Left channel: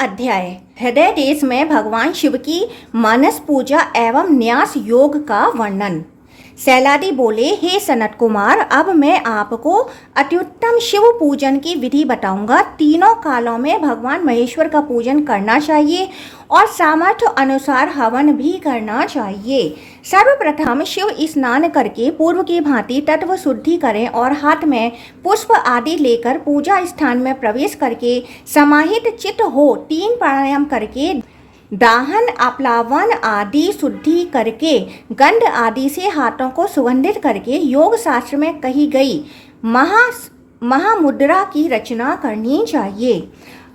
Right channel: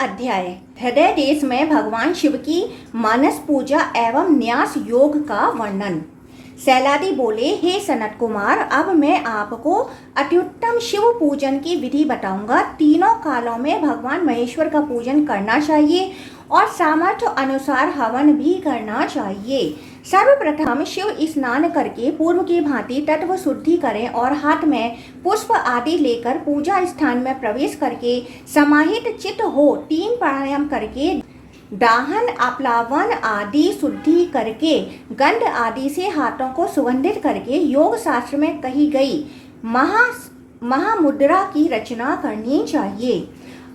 अध्याय हृदय देश में भगवान शिव की मानस पूजा एवं न्यास योग का वर्णन। सैलादी बोले, हे सनत कुमार, अब मैं आपको अत्युत्तम शिव पूजन की विधि बताऊंगा। तीनों कालों में भगवान महेश्वर का पूजन करना चाहिए और सामर्थ्य अनुसार हवन भी करना चाहिए। सर्वप्रथम शिव स्नान करके पूर्व की भांति तत्व शुद्धि करें और हाथ में पुष्प आदि लेकर पूजा स्थान में प्रवेश करके समाहित चित्त हो 3 प्राणायाम करके दाहन आप्लावन आदि शुद्धि करके गंध आदि से हाथों को सुगंधित करके योग शास्त्र में कही गई महामुद्रा की रचना करनी चाहिए।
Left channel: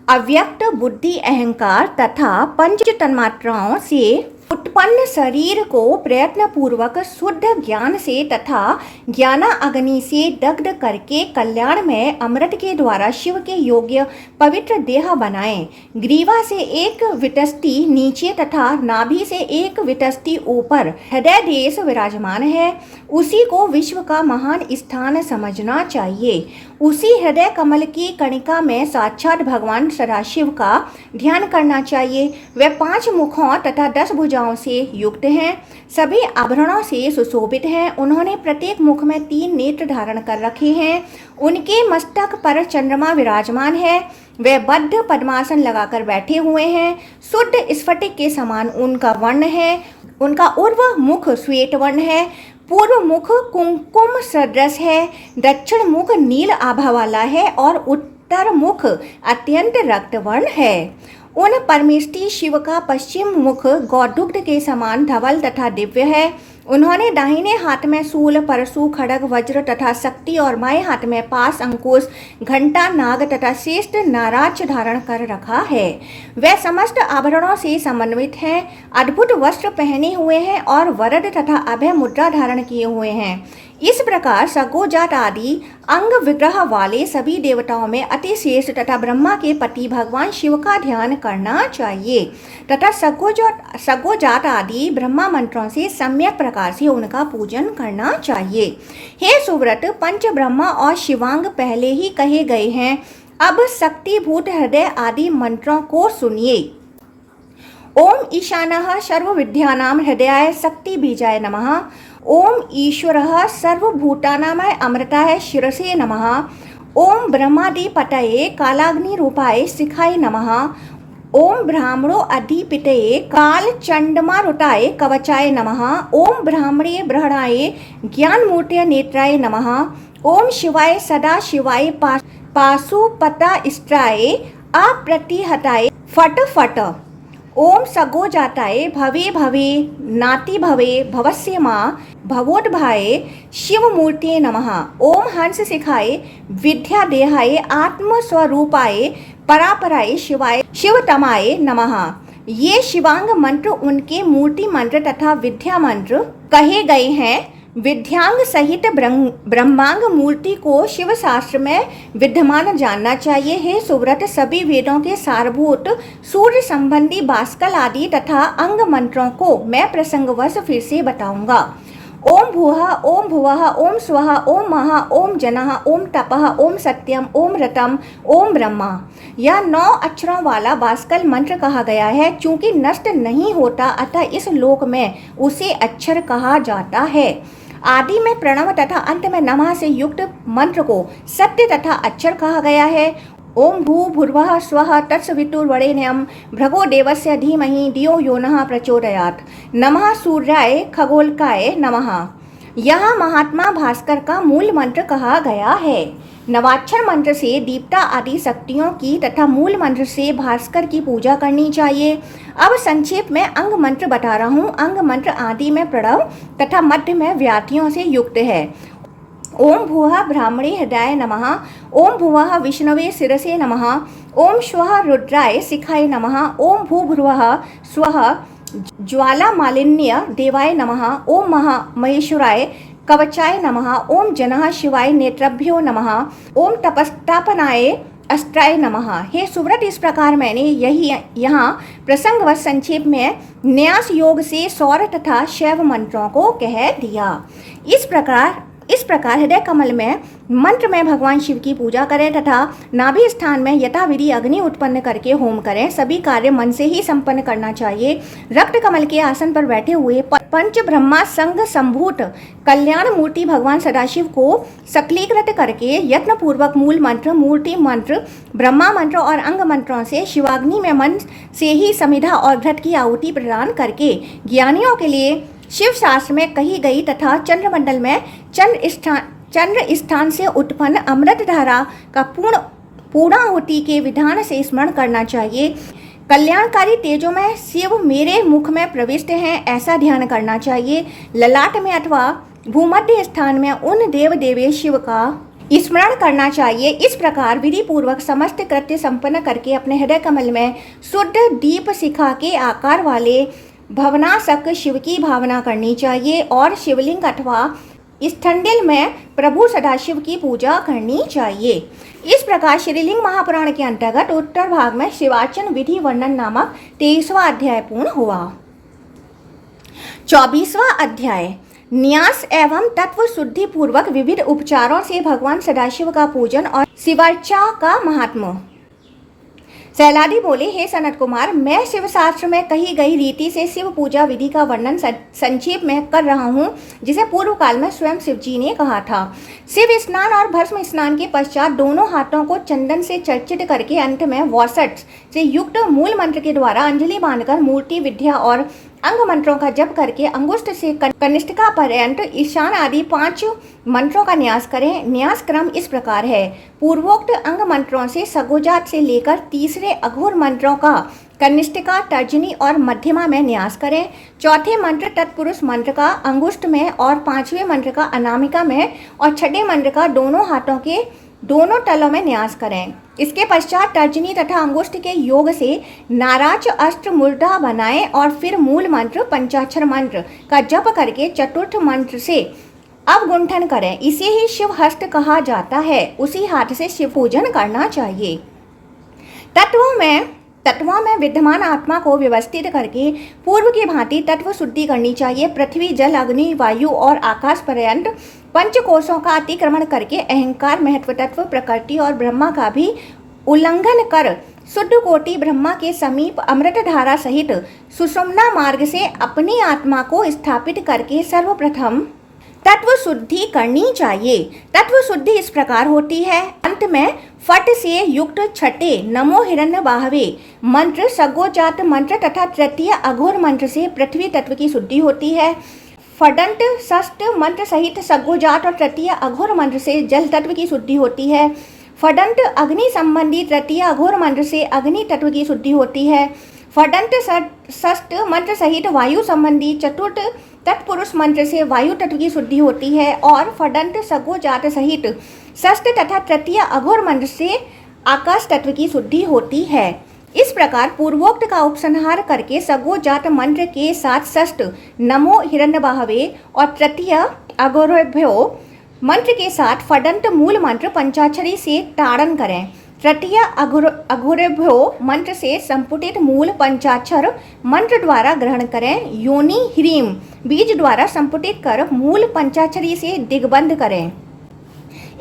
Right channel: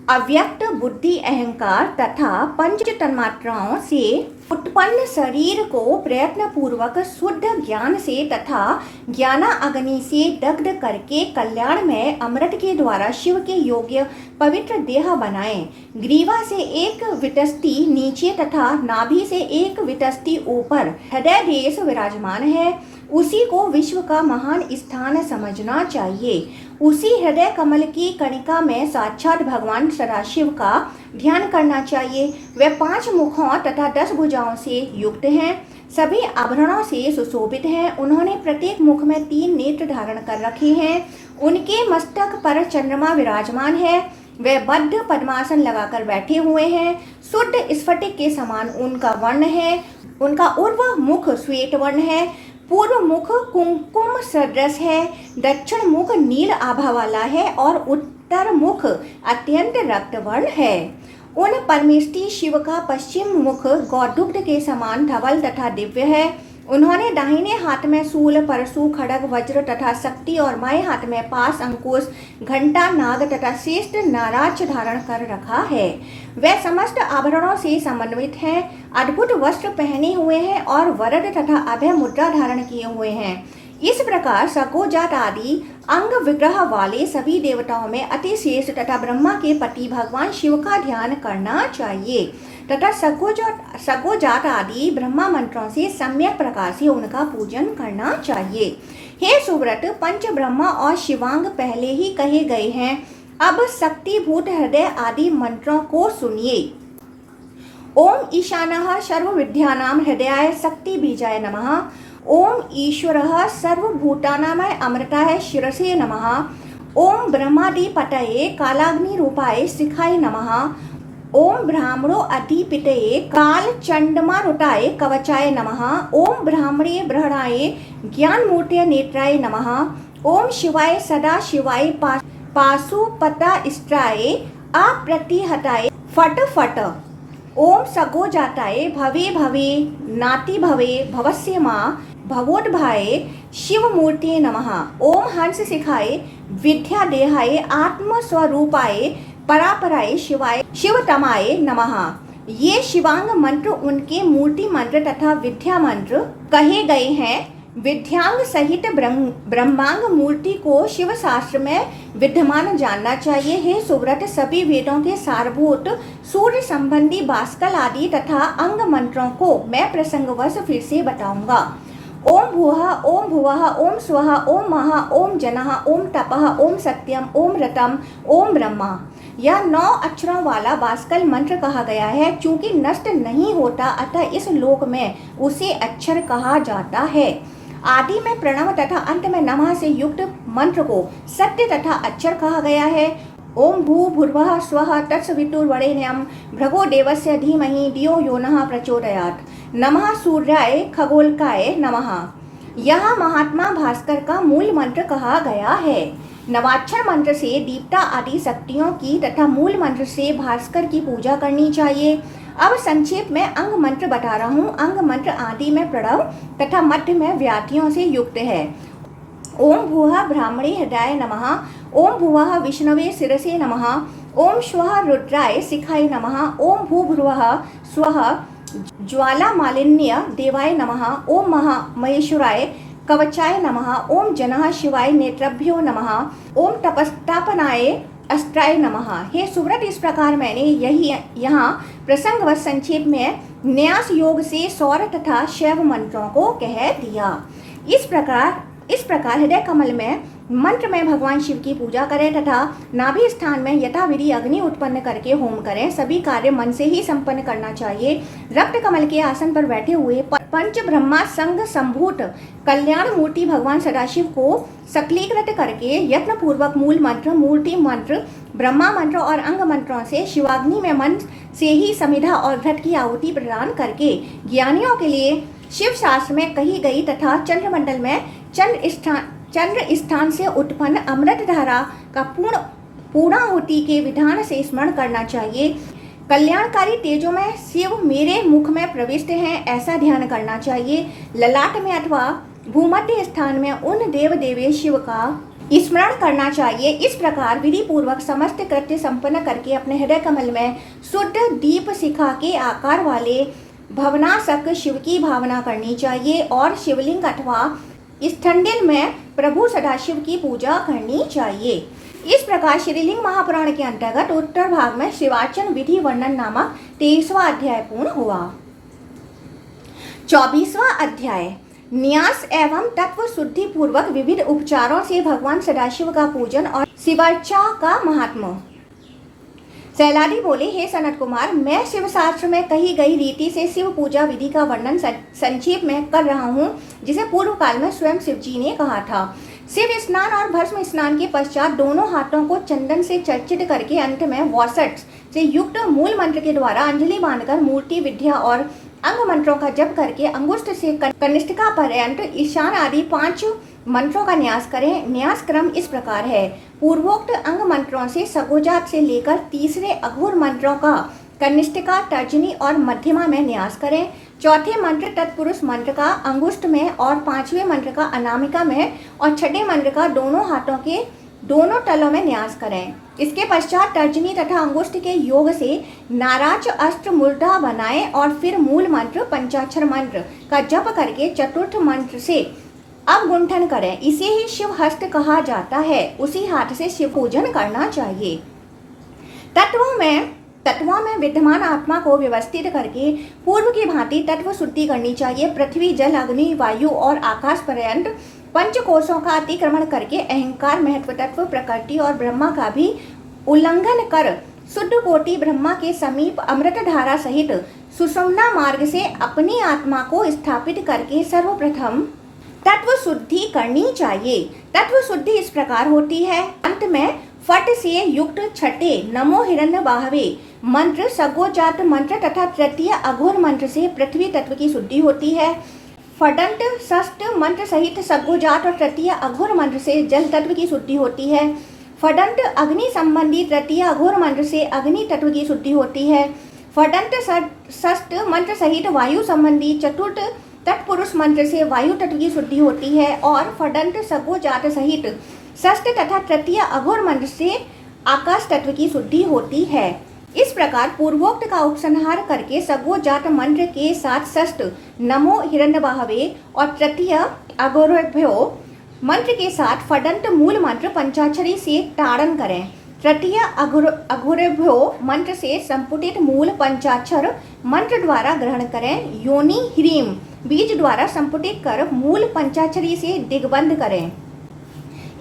अव्यक्त बुद्धि अहंकार तथा पंच तन्मात्राओं से उत्पन्न शरीर को प्रयत्न पूर्वक शुद्ध ज्ञान से तथा ज्ञाना अग्नि से दग्ध करके कल्याण में अमृत के द्वारा शिव के योग्य पवित्र देह बनाएं। ग्रीवा से एक वितस्ती नीचे तथा नाभि से एक वितस्ती ऊपर हृदय देश विराजमान है, उसी को विश्व का महान स्थान समझना चाहिए। उसी हृदय कमल की कणिका में साक्षात भगवान सदाशिव का ध्यान करना चाहिए। वे 5 मुखों तथा 10 भुजाओं से युक्त हैं, सभी आभरणों से सुशोभित हैं। उन्होंने प्रत्येक मुख में 3 नेत्र धारण कर रखे हैं। उनके मस्तक पर चंद्रमा विराजमान है। वे बद्ध पद्मासन लगाकर बैठे हुए हैं। शुद्ध स्फटिक के समान उनका वर्ण है। उनका उर्व मुख श्वेत वर्ण है, पूर्व मुख कुंकुम सदृश है, दक्षिण मुख नील आभा वाला है और उत्तर मुख अत्यंत रक्तवर्ण है। उन परमेष्टि शिव का पश्चिम मुख गौदुग्ध के समान धवल तथा दिव्य है। उन्होंने दाहिने हाथ में शूल, परशु, खड्ग, वज्र तथा शक्ति और बाएं हाथ में पास, अंकुश, घंटा, नाग तथा श्रेष्ठ नाराज धारण कर रखा है। वे समस्त आभरणों से समन्वित हैं, अद्भुत वस्त्र पहने हुए हैं और वरद तथा अभय मुद्रा धारण किए हुए हैं। इस प्रकार सगोजात आदि अंग विग्रह वाले सभी देवताओं में अति श्रेष्ठ तथा ब्रह्मा के पति भगवान शिव का ध्यान करना चाहिए तथा सगोजात आदि ब्रह्मा मंत्रों से सम्यक प्रकार से उनका पूजन करना चाहिए। हे सुव्रत, पंच ब्रह्मा और शिवांग पहले ही कहे गए हैं। अब शक्तिभूत हृदय आदि मंत्रों को सुनिए। ओम ईशानः सर्वविद्यानां हृदयाय शक्ति बीजाय नमः। ओम ईश्वरः सर्वभूतानां अमृताय शिरसे नमः। ओम ब्रह्मादिपतये कालाग्नि रूपाय शिखाय नमः। ओम ब्राह्मणो अधिपतये काल चंडमारुताय कवचाय नमः। ओम ब्राह्मणे ब्रहणाय ज्ञानमूर्तये नेत्राय नमः। ओम शिवाय सदा शिवाय पाशुपतास्त्राय अप्रतिहताय फट फट। ओम सगोजाताय भवे भवे नाति भवे भवस्य मां भवोद्भाय शिव मूर्ति नमः। ओम हंस शिखाय विद्या देहाय आत्मस्वरूपाय परापराय शिवाय शिवतमाय नमः। ये शिवांग मंत्र उनके मूर्ति मंत्र तथा विद्या मंत्र कहे गए हैं। विद्यांग सहित ब्रह्मांग मूर्ति को शिव शास्त्र में विद्यमान जानना चाहिए। हे सुव्रत, सभी वेदों के सारभूत सूर्य संबंधी बास्कल आदि तथा अंग मंत्रों को मैं प्रसंगवश फिर से बताऊंगा। ओम भूः, ओम भुवः, ओम स्वः, ओम महा, ओम जनः, ओम तपः, ओम सत्यम, ओम रतम, ओम ब्रह्मा। यह 9 अक्षरों वाला बास्कल मंत्र कहा गया है। चूंकि नष्ट नहीं होता अतः इस लोक में उसे अक्षर कहा जाता है। आदि में प्रणव तथा अंत में नमः से युक्त मंत्र को सत्य तथा अक्षर कहा गया है। ओम भू भूर्भुवः स्वः तत्सवितुर्वरेण्यं भर्गो देवस्य धीमहि धियो यो नः प्रचोदयात्। नमः सूर्याय खगोलकाय नमः। यह महात्मा भास्कर का मूल मंत्र कहा गया है। नवाक्षर मंत्र से दीप्ता आदि शक्तियों की तथा मूल मंत्र से भास्कर की पूजा करनी चाहिए। अब संक्षेप में अंग मंत्र बता रहा हूँ। अंग मंत्र आदि में प्रणव तथा मध्य में व्याधियों से युक्त है। ओम भूः ब्राह्मणे हृदयाय नमः। ओम भुवः विष्णवे शिरसे नमः। ओम स्वः रुद्राय शिखाय नमः। ओम भूर्भुवः स्वः ज्वालामालिन्य देवाय नमः। ओम महेश्वराय कवचाय नमः। ओम जनः शिवाय नेत्रभ्यो नमः। ओम तपस्तापनाय अस्त्राय नमः। हे सुव्रत, इस प्रकार मैंने यहाँ प्रसंगवश संक्षेप में न्यास योग से सौर तथा शैव मंत्रों को कह दिया। इस प्रकार हृदय कमल में मंत्र में भगवान शिव की पूजा करें तथा नाभि स्थान में यथाविधि अग्नि उत्पन्न करके होम करें। सभी कार्य मन से ही संपन्न करना चाहिए। रक्त कमल के आसन पर बैठे हुए पंच ब्रह्मा संग संभूत कल्याण मूर्ति भगवान सदाशिव को सकलीकृत करके यत्न पूर्वक मूल मंत्र, मूर्ति मंत्र, ब्रह्मा मंत्र और अंग मंत्रों से शिवाग्नि में मन से ही समिधा और घृत की आहुति प्रदान करके ज्ञानियों के लिए शिव शास्त्र में कही गई तथा चंद्रमंडल में चंद्र स्थान से उत्पन्न अमृत धारा का पूर्णाहुति के विधान से स्मरण करना चाहिए। कल्याणकारी तेजों में शिव मेरे मुख में प्रविष्ट हैं, ऐसा ध्यान करना चाहिए। ललाट में अथवा भूमध्य स्थान में उन देव देवेश शिव का स्मरण करना चाहिए। इस प्रकार विधि पूर्वक समस्त कृत्य संपन्न करके अपने हृदय कमल में शुद्ध दीप शिखा के आकार वाले भवनासक शिव की भावना करनी चाहिए और शिवलिंग अथवा स्थंडिल में प्रभु सदाशिव की पूजा करनी चाहिए। इस प्रकार श्रीलिंग महापुराण के अंतर्गत उत्तर भाग में शिवार्चन विधि वर्णन नामक 23वां अध्याय पूर्ण हुआ। 24वां अध्याय न्यास एवं तत्व शुद्धि पूर्वक विविध उपचारों से भगवान सदाशिव का पूजन और शिवार्चा का महात्मा। सैलादी बोले, हे सनत कुमार, मैं शिव शास्त्र में कही गई रीति से शिव पूजा विधि का वर्णन संक्षेप में कर रहा हूँ, जिसे पूर्व काल में स्वयं शिव जी ने कहा था। शिव स्नान और भस्म स्नान के पश्चात दोनों हाथों को चंदन से चर्चित करके अंत में वॉसट से युक्त मूल मंत्र के द्वारा अंजलि बांधकर मूर्ति विद्या और अंग मंत्रों का जप करके अंगुष्ठ से कनिष्ठिका पर्यंत ईशान आदि 5 मंत्रों का न्यास करें। न्यास क्रम इस प्रकार है। पूर्वोक्त अंग मंत्रों से सगोजात से लेकर तीसरे अघोर मंत्रों का कनिष्ठिका, तर्जनी और मध्यमा में न्यास करें। चौथे मंत्र तत्पुरुष मंत्र का अंगुष्ठ में और 5वें मंत्र का अनामिका में और छठे मंत्र का दोनों हाथों के दोनों तलों में न्यास करें। इसके पश्चात तर्जनी तथा अंगुष्ठ के योग से नाराज अष्ट मूर्धा बनाएं और फिर मूल मंत्र पंचाक्षर मंत्र का जप करके चतुर्थ मंत्र से अवगुंठन करें। इसे ही शिव हस्त कहा जाता है। उसी हाथ से शिव पूजन करना चाहिए। तत्वों में विद्यमान आत्मा को व्यवस्थित करके पूर्व की भांति तत्व शुद्धि करनी चाहिए। पृथ्वी, जल, अग्नि, वायु और आकाश पर्यंत पंचकोशों का अतिक्रमण करके अहंकार, महत्व तत्व, प्रकृति और ब्रह्मा का भी उल्लंघन कर शुद्ध कोटि ब्रह्मा के समीप अमृत धारा सहित सुषुम्ना मार्ग से अपनी आत्मा को स्थापित करके सर्वप्रथम तत्व शुद्धि करनी चाहिए। तत्व शुद्धि इस प्रकार होती है। अंत में फट से युक्त छठे नमो हिरण्य बाहवे मंत्र, सगोजात मंत्र तथा तृतीय अघोर मंत्र से पृथ्वी तत्व की शुद्धि होती है। फडंत षष्ठ मंत्र सहित सगोजात और तृतीय अघोर मंत्र से जल तत्व की शुद्धि होती है। फडंत अग्नि संबंधी तृतीय अघोर मंत्र से अग्नि तत्व की शुद्धि होती है। फडंत षष्ठ मंत्र सहित वायु संबंधी चतुर्थ तत्पुरुष मंत्र से वायु तत्व की शुद्धि होती है और फडंत सगोजात सहित षष्ठ तथा तृतीय अघोर मंत्र से आकाश तत्व की शुद्धि होती है। इस प्रकार पूर्वोक्त का उपसंहार करके सगोजात मंत्र के साथ षष्ठ नमो हिरण्यबाहवे और तृतीय अघोरेभ्यो मंत्र के साथ फडंत मूल मंत्र पंचाक्षरी से ताड़न करें। तृतीय अघोरेभ्यो मंत्र से संपुटित मूल पंचाक्षर मंत्र द्वारा ग्रहण करें। योनि ह्रीम बीज द्वारा संपुटित कर मूल पंचाक्षरी से दिग्बंध करें।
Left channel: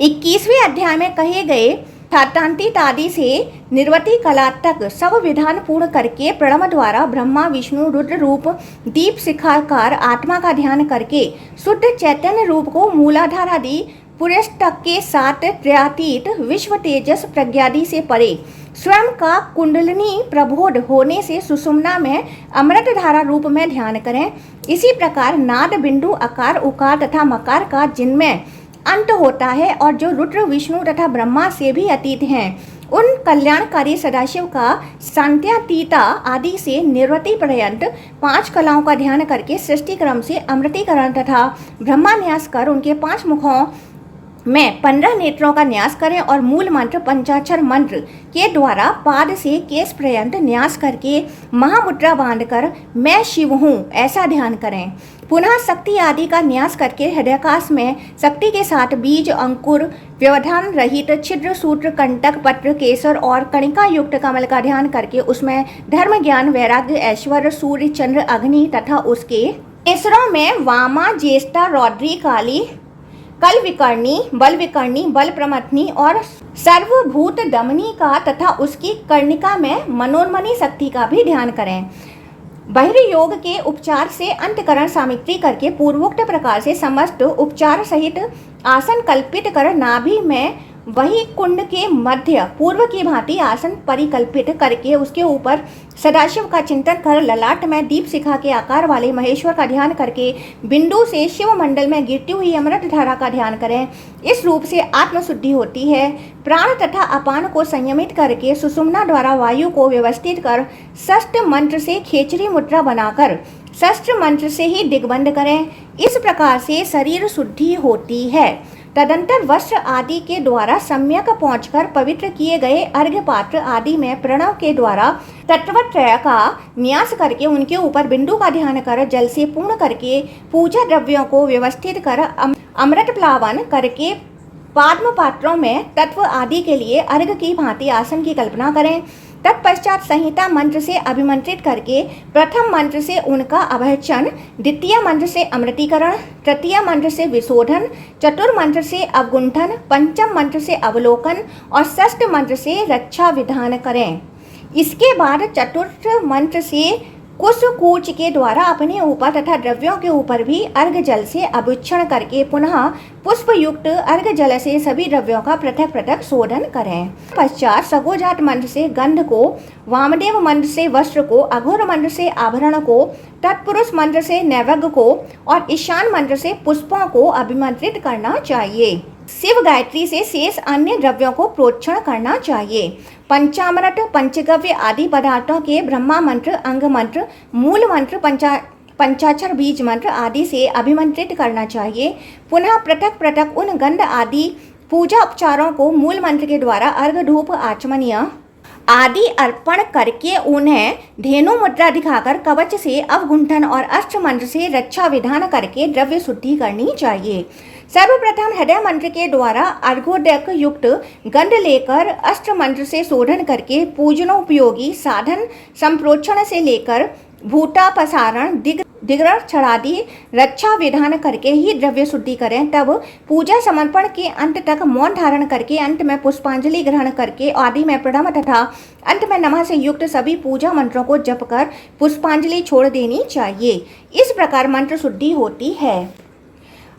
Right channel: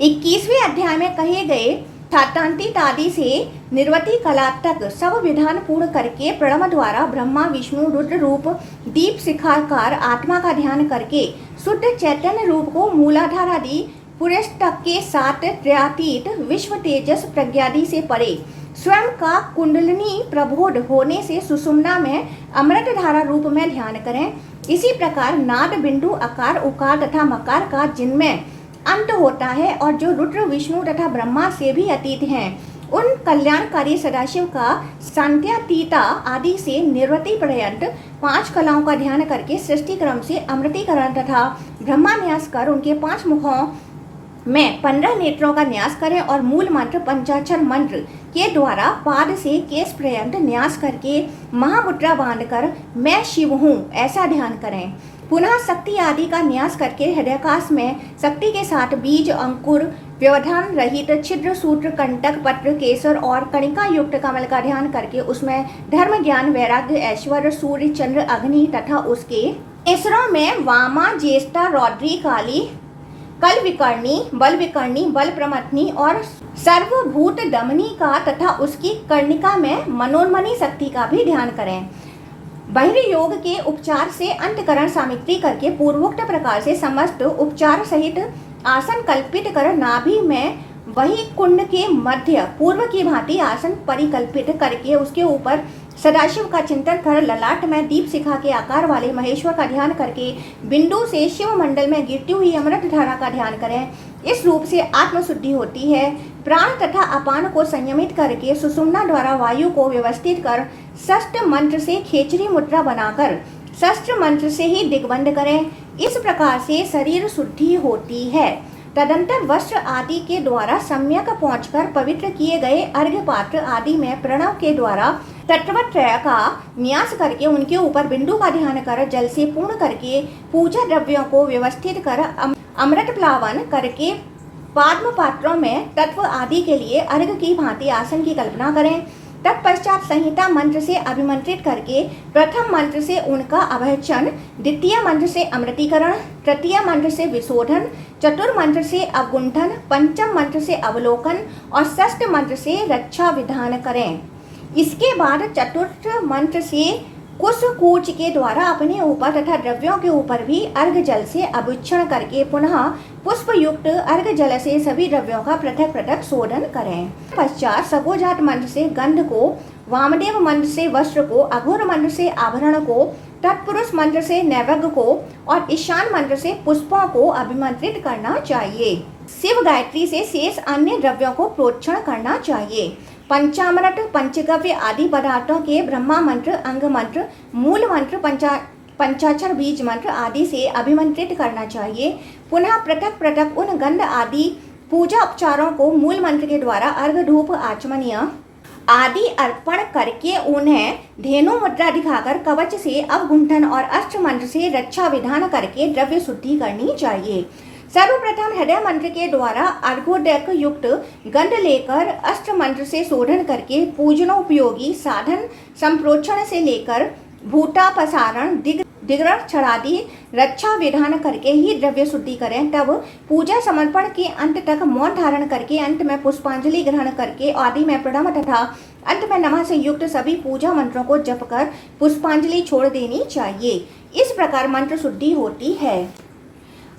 21वें अध्याय में कहे गए थातांतित आदि से निर्वती कला तक सब विधान पूर्ण करके प्रणव द्वारा ब्रह्मा, विष्णु, रुद्र रूप दीप शिखाकार आत्मा का ध्यान करके शुद्ध चैतन्य रूप को मूलाधार आदि पुरस्तक के साथ त्रयातीत विश्व तेजस प्रज्ञादि से परे स्वयं का कुंडलिनी प्रबोध होने से सुषुम्ना में अमृत धारा रूप में ध्यान करें। इसी प्रकार नाद, बिंदु, आकार, उकार तथा मकार का जिनमें अंत होता है और जो रुद्र, विष्णु तथा ब्रह्मा से भी अतीत हैं, उन कल्याणकारी सदाशिव का सांत्यातीता आदि से निर्वृति पर्यंत 5 कलाओं का ध्यान करके सृष्टि क्रम से अमृतीकरण तथा ब्रह्मान्यास कर उनके 5 मुखों में 15 नेत्रों का न्यास करें और मूल मंत्र पंचाक्षर मंत्र के द्वारा पाद से केश पर्यंत न्यास करके महामुद्रा बांधकर मैं शिव हूँ ऐसा ध्यान करें। पुनः शक्ति आदि का न्यास करके हृदयाकाश में शक्ति के साथ बीज, अंकुर, व्यवधान रहित छिद्र, सूत्र, कंटक, पत्र, केसर और कणिका युक्त कमल का ध्यान करके उसमें धर्म, ज्ञान, वैराग्य, ऐश्वर्य, सूर्य, चंद्र, अग्नि तथा उसके केसरों में वामा, ज्येष्ठा, रौद्री, काली, कल विकर्णी, बल प्रमथनी और सर्वभूत दमनी का तथा उसकी कर्णिका में मनोन्मनी शक्ति का भी ध्यान करें। बहिर्योग के उपचार से अंतकरण सामित्री करके पूर्वोक्त प्रकार से समस्त उपचार सहित आसन कल्पित कर नाभि में वही कुंड के मध्य पूर्व की भांति आसन परिकल्पित करके उसके ऊपर सदाशिव का चिंतन कर ललाट में दीप शिखा के आकार वाले महेश्वर का ध्यान करके बिंदु से शिव मंडल में गिरती हुई अमृत धारा का ध्यान करें। इस रूप से आत्मशुद्धि होती है। प्राण तथा अपान को संयमित करके सुषुम्ना द्वारा वायु को व्यवस्थित कर षष्ठ मंत्र से खेचरी मुद्रा बनाकर शस्त्र मंत्र से ही दिग्बंध करें। इस प्रकार से शरीर शुद्धि होती है। तदंतर वस्त्र आदि के द्वारा सम्यक पहुंचकर पवित्र किए गए अर्घ्य पात्र आदि में प्रणव के द्वारा तत्वत्रय का न्यास करके उनके ऊपर बिंदु का ध्यान कर जल से पूर्ण करके पूजा द्रव्यों को व्यवस्थित कर अमृत प्लावन करके पाद्म पात्रों में तत्व आदि के लिए अर्घ्य की भांति आसन की कल्पना करें। तत्पश्चात संहिता मंत्र से अभिमंत्रित करके प्रथम मंत्र से उनका अभयचन, द्वितीय मंत्र से अमृतीकरण, तृतीय मंत्र से विशोधन, चतुर्थ मंत्र से अवगुंठन, पंचम मंत्र से अवलोकन और षष्ठ मंत्र से रक्षा विधान करें। इसके बाद चतुर्थ मंत्र से कुश कूच के द्वारा अपने ऊपर तथा द्रव्यों के ऊपर भी अर्घ जल से अभूषण करके पुनः पुष्प युक्त अर्घ जल से सभी द्रव्यों का पृथक पृथक शोधन करें। पश्चात सगोजात मंत्र से गंध को, वामदेव मंत्र से वस्त्र को, अघोर मंत्र से आभरण को, तत्पुरुष मंत्र से नैवेद्य को और ईशान मंत्र से पुष्पों को अभिमंत्रित करना चाहिए। शिव गायत्री से शेष अन्य द्रव्यों को प्रोक्षण करना चाहिए। पंचामृत, पंचगव्य आदि पदार्थों के ब्रह्मा मंत्र, अंग मंत्र, मूल मंत्र, पंचाक्षर बीज मंत्र आदि से अभिमंत्रित करना चाहिए। पुनः पृथक पृथक उन गंध आदि पूजा उपचारों को मूल मंत्र के द्वारा अर्घ, धूप, आचमनीय आदि अर्पण करके उन्हें धेनु मुद्रा दिखाकर कवच से अवगुंठन और अष्ट मंत्र से रक्षा विधान करके द्रव्य शुद्धि करनी चाहिए। सर्वप्रथम हृदय मंत्र के द्वारा अर्घोदक युक्त गंध लेकर अष्ट मंत्र से शोधन करके पूजनोपयोगी साधन संप्रोक्षण से लेकर भूतापसारण, दिग्रक्षणादि रक्षा विधान करके ही द्रव्य शुद्धि करें। तब पूजा समर्पण के अंत तक मौन धारण करके अंत में पुष्पांजलि ग्रहण करके आदि में प्रणव तथा अंत में नमः से युक्त सभी पूजा मंत्रों को जप कर पुष्पांजलि छोड़ देनी चाहिए। इस प्रकार मंत्र शुद्धि होती है।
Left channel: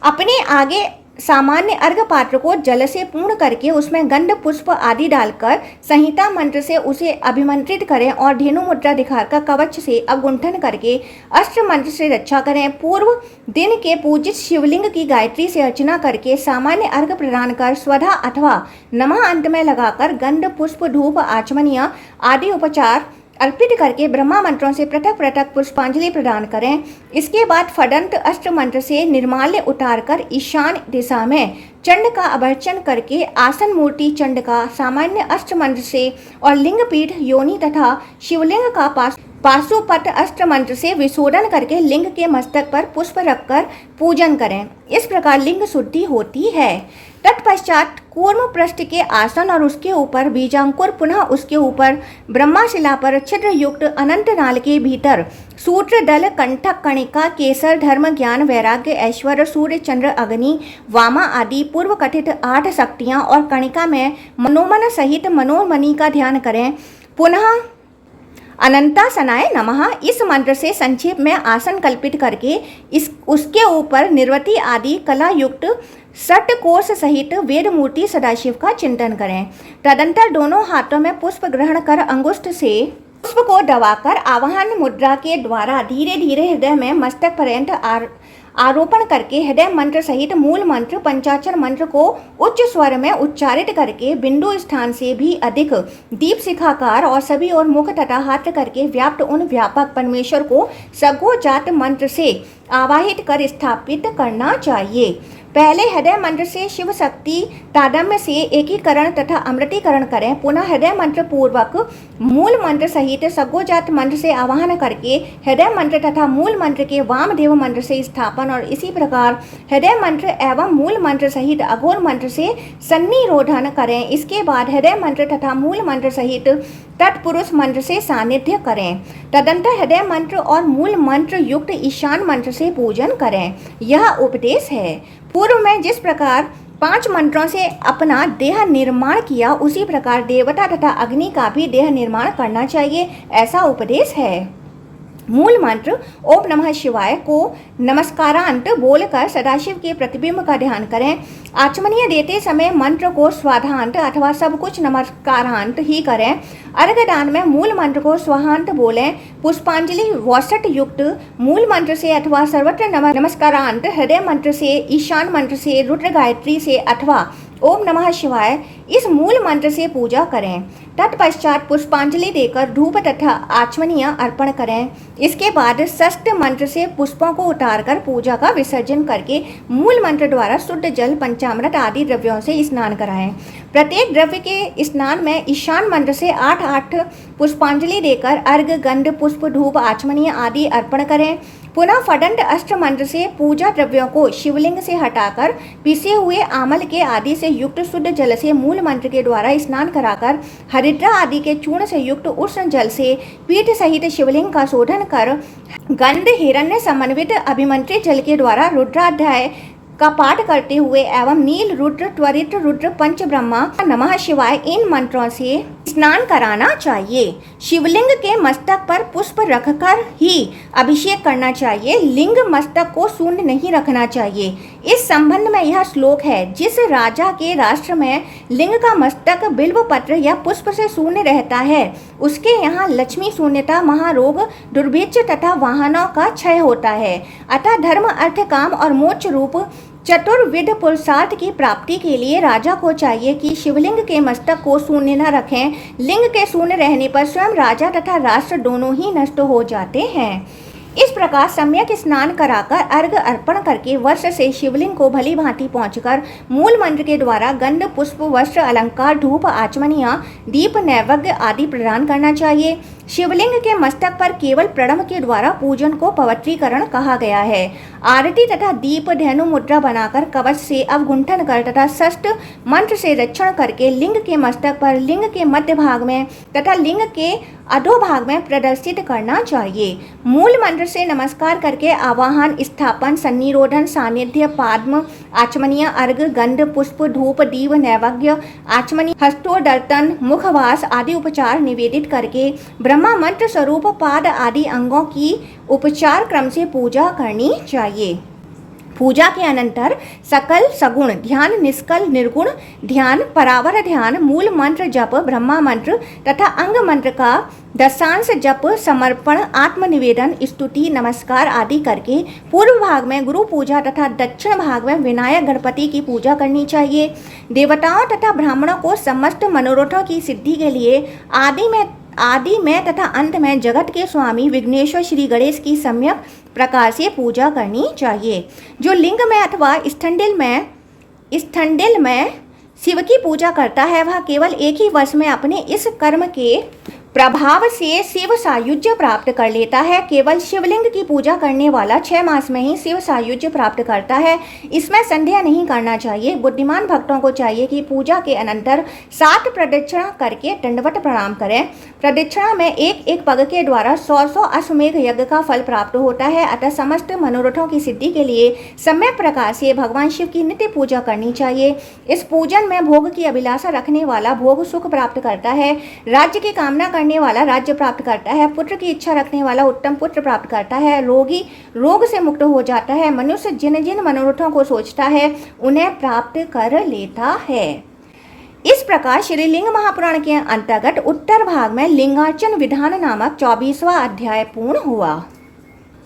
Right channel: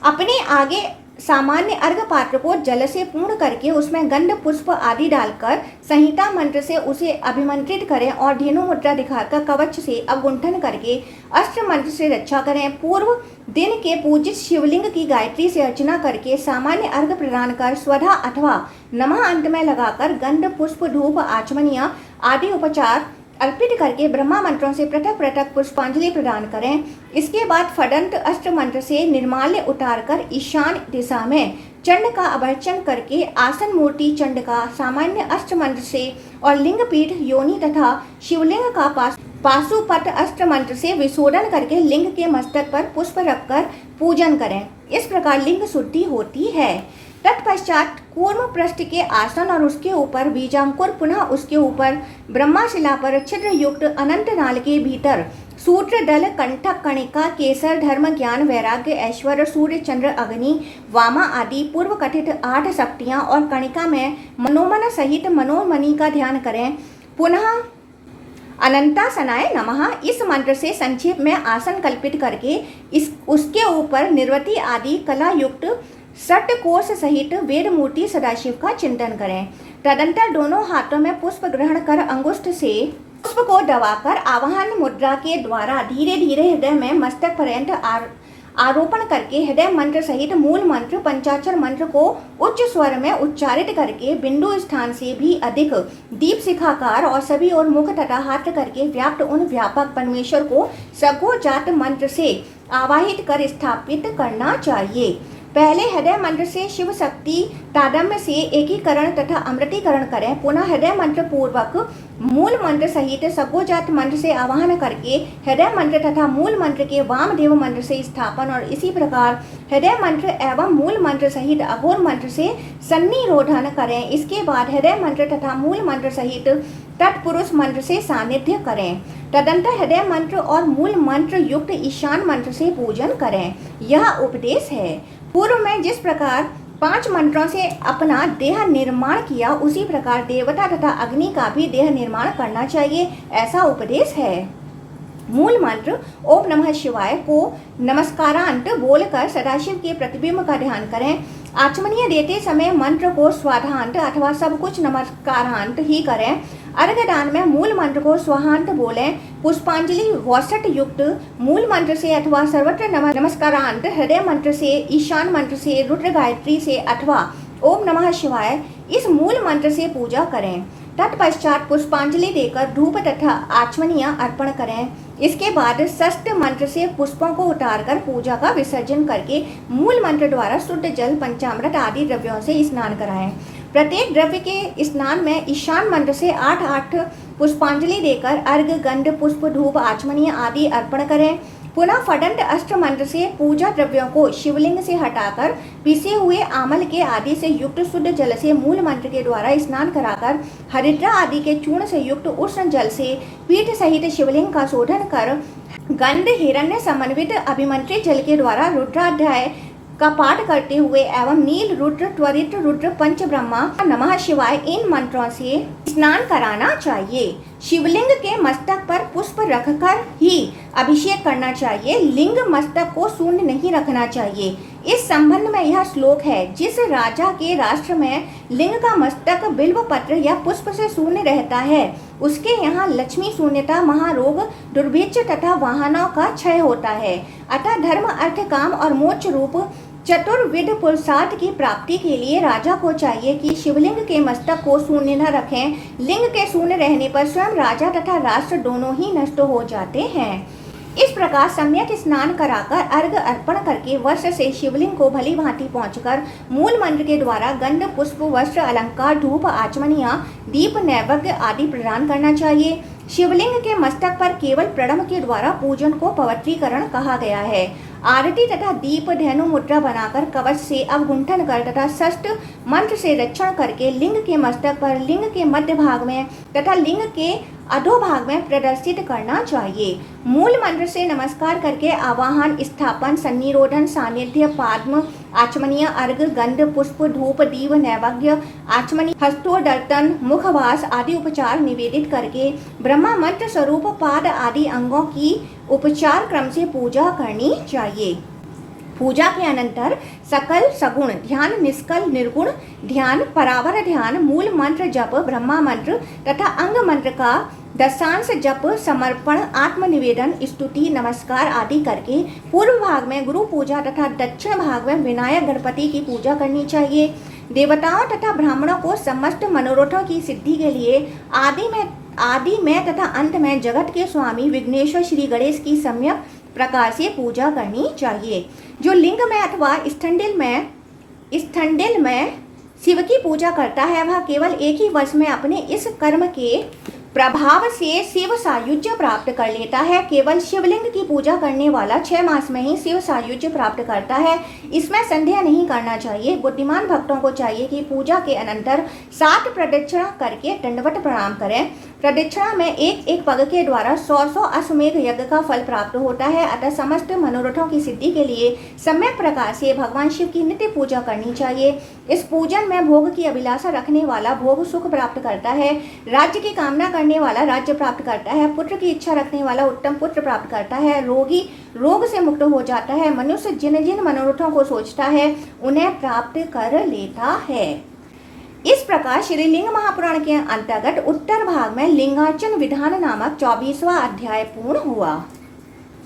अपने आगे सामान्य अर्घ पात्र को जल से पूर्ण करके उसमें गंध, पुष्प आदि डालकर संहिता मंत्र से उसे अभिमंत्रित करें और धेनु मुद्रा दिखाकर कवच से अवगुंठन करके अष्ट मंत्र से रक्षा करें। पूर्व दिन के पूजित शिवलिंग की गायत्री से अर्चना करके सामान्य अर्घ प्रदान कर स्वधा अथवा नमः अंत में लगाकर गंध, पुष्प, धूप, आचमनीय आदि उपचार अर्पित करके ब्रह्मा मंत्रों से पृथक पृथक पुष्पांजलि प्रदान करें। इसके बाद फडंत अष्ट मंत्र से निर्माल्य उतारकर ईशान दिशा में चंड का अभर्चन करके आसन मूर्ति चंड का सामान्य अष्ट मंत्र से और लिंग पीठ, योनि तथा शिवलिंग का पाशुपत अष्ट मंत्र से विशोधन करके लिंग के मस्तक पर पुष्प रखकर पूजन करें। इस प्रकार लिंग शुद्धि होती है। तत्पश्चात कूर्म पृष्ठ के आसन और उसके ऊपर बीजांकुर, पुनः उसके ऊपर ब्रह्माशिला पर छिद्र युक्त अनंत नाल के भीतर सूत्र दल, कंठक, कणिका, केसर, धर्म, ज्ञान, वैराग्य, ऐश्वर्य, सूर्य, चंद्र, अग्नि, वामा आदि पूर्व कथित 8 शक्तियां और कणिका में मनोमन सहित मनोमणि का ध्यान करें। पुनः अनंतासनाय नमः इस मंत्र से संक्षेप में आसन कल्पित करके उसके ऊपर निर्वती आदि कला युक्त सट कोष सहित वेद मूर्ति सदाशिव का चिंतन करें। तदंतर दोनों हाथों में पुष्प ग्रहण कर अंगुष्ठ से पुष्प को दबाकर आवाहन मुद्रा के द्वारा धीरे धीरे हृदय में मस्तक पर्यंत आरोपण करके हृदय मंत्र सहित मूल मंत्र, पंचाक्षर मंत्र को उच्च स्वर में उच्चारित करके बिंदु स्थान से भी अधिक दीप शिखाकार और सभी और मुख तथा हाथ करके व्याप्त उन व्यापक परमेश्वर को सगोजात मंत्र से आवाहित कर स्थापित करना चाहिए। पहले हृदय मंत्र से शिव शक्ति तादम्य से एकीकरण तथा अमृतीकरण करें। पुनः हृदय मंत्र पूर्वक मूल मंत्र सहित सगोजात मंत्र से आवाहन करके हृदय मंत्र तथा मूल मंत्र के वामदेव मंत्र से स्थापन और इसी प्रकार हृदय मंत्र एवं मूल मंत्र सहित अघोर मंत्र से सन्निरोधन करें। इसके बाद हृदय मंत्र तथा मूल मंत्र सहित तत्पुरुष मंत्र से सानिध्य करें। तदंतर हृदय मंत्र और मूल मंत्र युक्त ईशान मंत्र से पूजन करें। यह उपदेश है। पूर्व में जिस प्रकार 5 मंत्रों से अपना देह निर्माण किया, उसी प्रकार देवता तथा अग्नि का भी देह निर्माण करना चाहिए, ऐसा उपदेश है। मूल मंत्र ओम नमः शिवाय को नमस्कारांत बोलकर सदाशिव के प्रतिबिंब का ध्यान करें। आचमनीय देते समय मंत्र को स्वाधांत अथवा सब कुछ नमस्कारांत ही करें। अर्घ्य दान में मूल मंत्र को स्वाहांत बोलें। पुष्पांजलि वसट युक्त मूल मंत्र से अथवा सर्वत्र नमस्कारांत हृदय मंत्र से, ईशान मंत्र से, रुद्र गायत्री से अथवा ओम नमः शिवाय इस मूल मंत्र से पूजा करें। तत्पश्चात पुष्पांजलि देकर धूप तथा आचमनीय अर्पण करें। इसके बाद षष्ठ मंत्र से पुष्पों को उतारकर पूजा का विसर्जन करके मूल मंत्र द्वारा शुद्ध जल, पंचामृत आदि द्रव्यों से स्नान कराएं। प्रत्येक द्रव्य के स्नान में ईशान मंत्र से 8 पुष्पांजलि देकर अर्घ्य, गंध, पुष्प, धूप, आचमनीय आदि अर्पण करें। पुनः फडंड अष्ट मंत्र से पूजा द्रव्यों को शिवलिंग से हटाकर पिसे हुए आमल के आदि से युक्त शुद्ध जल से मूल मंत्र के द्वारा स्नान कराकर हरिद्रा आदि के चूर्ण से युक्त उष्ण जल से पीठ सहित शिवलिंग का शोधन कर गंध हिरण्य समन्वित अभिमंत्रित जल के द्वारा रुद्राध्याय का पाठ करते हुए एवं नील रुद्र, त्वरित रुद्र, पंच ब्रह्मा, नमः शिवाय इन मंत्रों से स्नान कराना चाहिए। शिवलिंग के मस्तक पर पुष्प रखकर ही अभिषेक करना चाहिए। लिंग मस्तक को शून्य नहीं रखना चाहिए। इस संबंध में यह श्लोक है, जिस राजा के राष्ट्र में लिंग का मस्तक बिल्व पत्र या पुष्प से शून्य रहता है, उसके यहाँ लक्ष्मी शून्यता, महारोग, दुर्भिक्ष तथा वाहनों का क्षय होता है। अतः धर्म, अर्थ, काम और मोक्ष रूप चतुर्विध पुरुषार्थ की प्राप्ति के लिए राजा को चाहिए कि शिवलिंग के मस्तक को शून्य न रखें। लिंग के शून्य रहने पर स्वयं राजा तथा राष्ट्र दोनों ही नष्ट हो जाते हैं। इस प्रकार सम्यक स्नान कराकर अर्घ्य अर्पण करके वर्ष से शिवलिंग को भली भांति पहुंचकर मूल मंत्र के द्वारा गंध, पुष्प, वस्त्र, अलंकार, धूप, आचमनीय, दीप, नैवेद्य आदि प्रदान करना चाहिए। शिवलिंग के मस्तक पर केवल प्रणव के द्वारा पूजन को पवित्रीकरण कहा गया है। आरती तथा दीप धेनु मुद्रा बनाकर कवच से अवगुंठन कर तथा षष्ठ मंत्र से रक्षण करके लिंग के मस्तक पर, लिंग के मध्य भाग में तथा लिंग के अधोभाग में प्रदर्शित करना चाहिए। मूल मंत्र से नमस्कार करके आवाहन, स्थापन, सन्निरोधन, सानिध्य, पाद्म, आचमनीय, अर्घ्य, गंध, पुष्प, धूप, दीप, नैवेद्य, आचमनीय, हस्तोदर्तन, मुखवास आदि उपचार निवेदित करके ब्रह्मा मंत्र स्वरूप पाद आदि अंगों की उपचार क्रम से पूजा करनी चाहिए। पूजा के अनंतर सकल सगुण ध्यान, निष्कल निर्गुण ध्यान, परावर ध्यान, मूल मंत्र जप, ब्रह्मा मंत्र तथा अंग मंत्र का दशांश जप, समर्पण, आत्मनिवेदन, स्तुति, नमस्कार आदि करके पूर्व भाग में गुरु पूजा तथा दक्षिण भाग में विनायक गणपति की पूजा करनी चाहिए। देवताओं तथा ब्राह्मणों को समस्त मनोरथों की सिद्धि के लिए आदि में तथा अंत में जगत के स्वामी विघ्नेश्वर श्री गणेश की सम्यक प्रकार से पूजा करनी चाहिए। जो लिंग में अथवा स्थंडिल में शिव की पूजा करता है, वह केवल एक ही वर्ष में अपने इस कर्म के प्रभाव से शिव सायुज्य प्राप्त कर लेता है। केवल शिवलिंग की पूजा करने वाला 6 मास में ही शिव सायुज्य प्राप्त करता है। इसमें संदेह नहीं करना चाहिए। बुद्धिमान भक्तों को चाहिए कि पूजा के अनंतर 7 प्रदक्षिणा करके दंडवत प्रणाम करें। प्रदक्षिणा में एक पग के द्वारा 100 अश्वमेघ यज्ञ का फल प्राप्त होता है। अतः समस्त मनोरथों की सिद्धि के लिए सम्यक प्रकार से भगवान शिव की नित्य पूजा करनी चाहिए। इस पूजन में भोग की अभिलाषा रखने वाला भोग सुख प्राप्त करता है। राज्य की कामना करने वाला राज्य प्राप्त करता है। पुत्र की इच्छा रखने वाला उत्तम पुत्र प्राप्त करता है। रोगी रोग से मुक्त हो जाता है। मनुष्य जिन जिन मनोरथों को सोचता है उन्हें प्राप्त कर लेता है। इस प्रकार श्री लिंग महापुराण के अंतर्गत उत्तर भाग में लिंगार्चन विधान नामक 24वां अध्याय पूर्ण हुआ।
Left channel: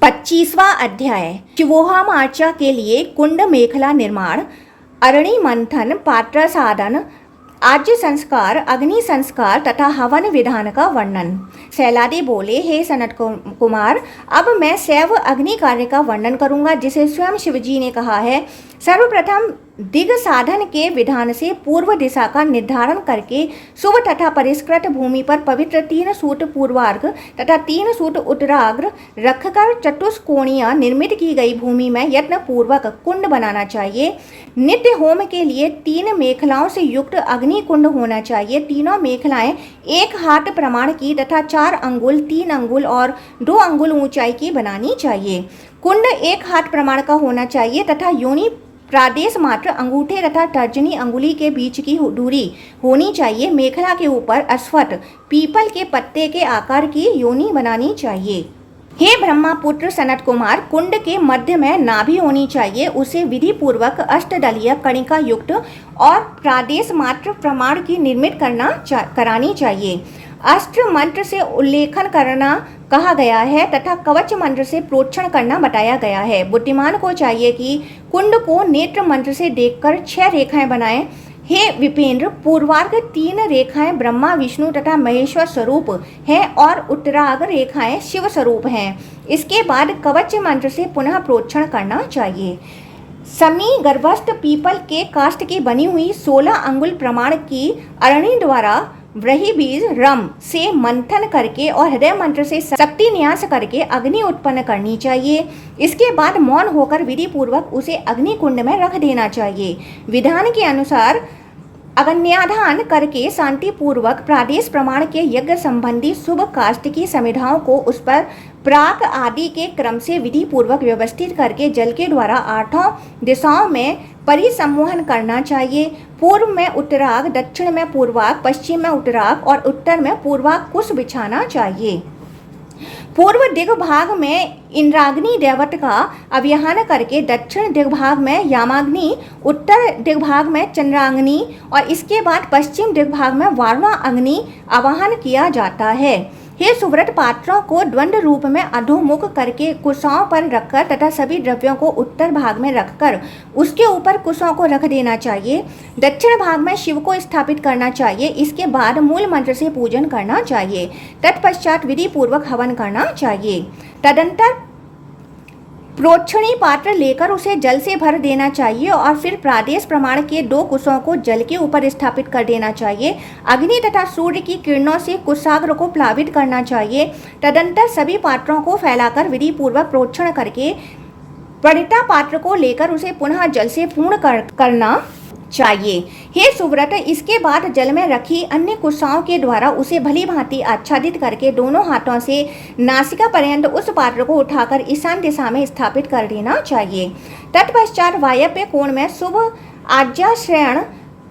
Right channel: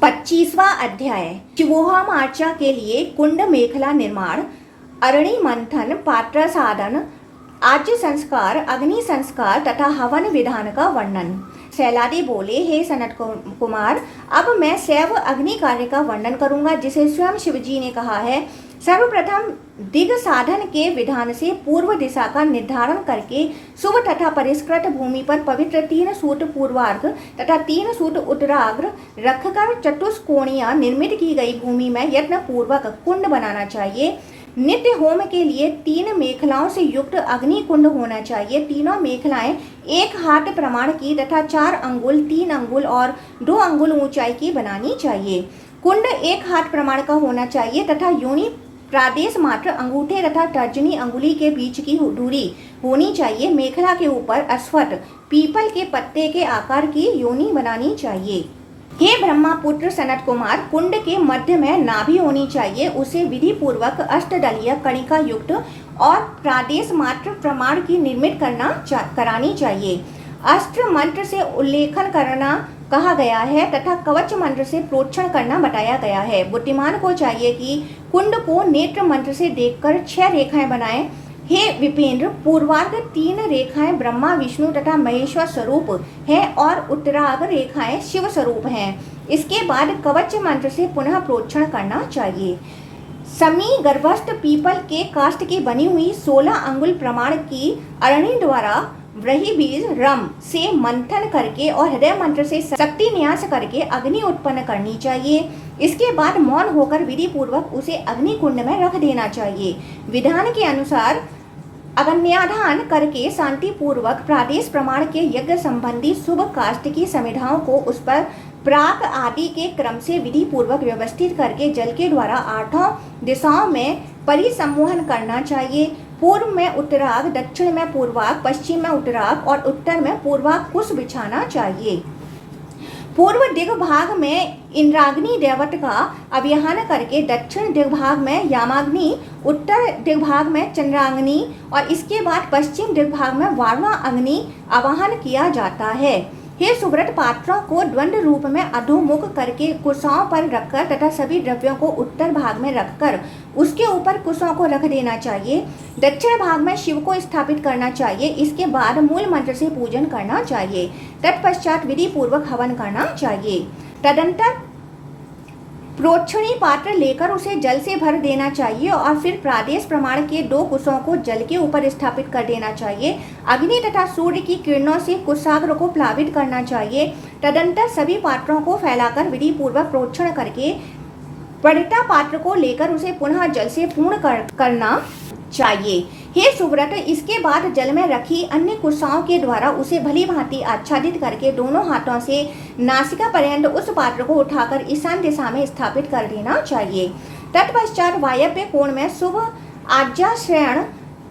25वां अध्याय शिवोहमार्चा के लिए कुंड मेखला निर्माण, अरणि मंथन, पात्र साधन, आज्य संस्कार, अग्नि संस्कार तथा हवन विधान का वर्णन। सैलादी बोले, हे सनत कुमार, अब मैं शैव अग्नि कार्य का वर्णन करूंगा जिसे स्वयं शिवजी ने कहा है। सर्वप्रथम दिग साधन के विधान से पूर्व दिशा का निर्धारण करके शुभ तथा परिष्कृत भूमि पर पवित्र 3 सूत पूर्वार्घ तथा 3 सूत उत्तरार्घ रखकर चतुष्कोणीय निर्मित की गई भूमि में यत्न पूर्वक कुंड बनाना चाहिए। नित्य होम के लिए 3 मेखलाओं से युक्त अग्नि कुंड होना चाहिए। तीनों मेखलाएं 1 हाथ प्रमाण की तथा 4 अंगुल, 3 अंगुल और 2 अंगुल ऊंचाई की बनानी चाहिए। कुंड 1 हाथ प्रमाण का होना चाहिए तथा योनि प्रादेश मात्र अंगूठे तथा तर्जनी अंगुली के बीच की दूरी होनी चाहिए। मेखला के ऊपर अस्वथ पीपल के पत्ते के आकार की योनि बनानी चाहिए। हे ब्रह्मपुत्र सनत कुमार, कुंड के मध्य में नाभि होनी चाहिए। उसे विधि पूर्वक अष्टदलीय कणिका युक्त और प्रादेश मात्र प्रमाण की निर्मित करानी चाहिए। अस्त्र मंत्र से उल्लेखन करना कहा गया है तथा कवच मंत्र से प्रोक्षण करना बताया गया है। बुद्धिमान को चाहिए कि कुंड को नेत्र मंत्र से देखकर 6 रेखाएं बनाएं। हे विपेंद्र, पूर्वार्ध 3 रेखाएं ब्रह्मा विष्णु तथा महेश्वर स्वरूप है और उत्तरार्ध रेखाएं शिव स्वरूप हैं। इसके बाद कवच मंत्र से पुनः प्रोक्षण करना चाहिए। समी गर्भस्थ पीपल के काष्ठ की बनी हुई 16 अंगुल प्रमाण की अरणी द्वारा व्रही बीज रम से मंथन करके और हृदय मंत्र से शक्ति न्यास करके अग्नि उत्पन्न करनी चाहिए। इसके बाद मौन होकर विधि पूर्वक उसे अग्नि कुंड में रख देना चाहिए। विधान के अनुसार अग्न्याधान करके शांति पूर्वक प्रादेश प्रमाण के यज्ञ संबंधी शुभ काष्ठ की समिधाओं को उस पर प्राक आदि के क्रम से विधि पूर्वक व्यवस्थित करके जल के द्वारा 8 दिशाओं में परिसमूहन करना चाहिए। पूर्व में उत्तराग, दक्षिण में पूर्वाग, पश्चिम में उत्तराग और उत्तर में पूर्वाग कुश बिछाना चाहिए। पूर्व दिग्भाग में इंद्राग्नि देवत का अव्यहान करके दक्षिण दिग्भाग में यामाग्नि, उत्तर दिग्भाग में चंद्राग्नि और इसके बाद पश्चिम दिग्भाग में वारुणा अग्नि आवाहन किया जाता है। हे सुव्रत, पात्रों को द्वंद्व रूप में अधोमुख करके कुशाओं पर रखकर तथा सभी द्रव्यों को उत्तर भाग में रखकर उसके ऊपर कुशों को रख देना चाहिए। दक्षिण भाग में शिव को स्थापित करना चाहिए। इसके बाद मूल मंत्र से पूजन करना चाहिए। तत्पश्चात विधि पूर्वक हवन करना चाहिए। तदंतर प्रोक्षणी पात्र लेकर उसे जल से भर देना चाहिए और फिर प्रादेश प्रमाण के 2 कुशों को जल के ऊपर स्थापित कर देना चाहिए। अग्नि तथा सूर्य की किरणों से कुशाग्र को प्लावित करना चाहिए। तदंतर सभी पात्रों को फैलाकर विधि पूर्वक प्रोक्षण करके पड़िता पात्र को लेकर उसे पुनः जल से पूर्ण करना चाहिए। हे सुव्रत, इसके बाद जल में रखी अन्य कुशाओं के द्वारा उसे भली भांति आच्छादित करके दोनों हाथों से नासिका पर्यंत उस पात्र को उठाकर ईशान दिशा में स्थापित कर देना चाहिए। तत्पश्चात वायव्य कोण में शुभ आज्ञाश्रयण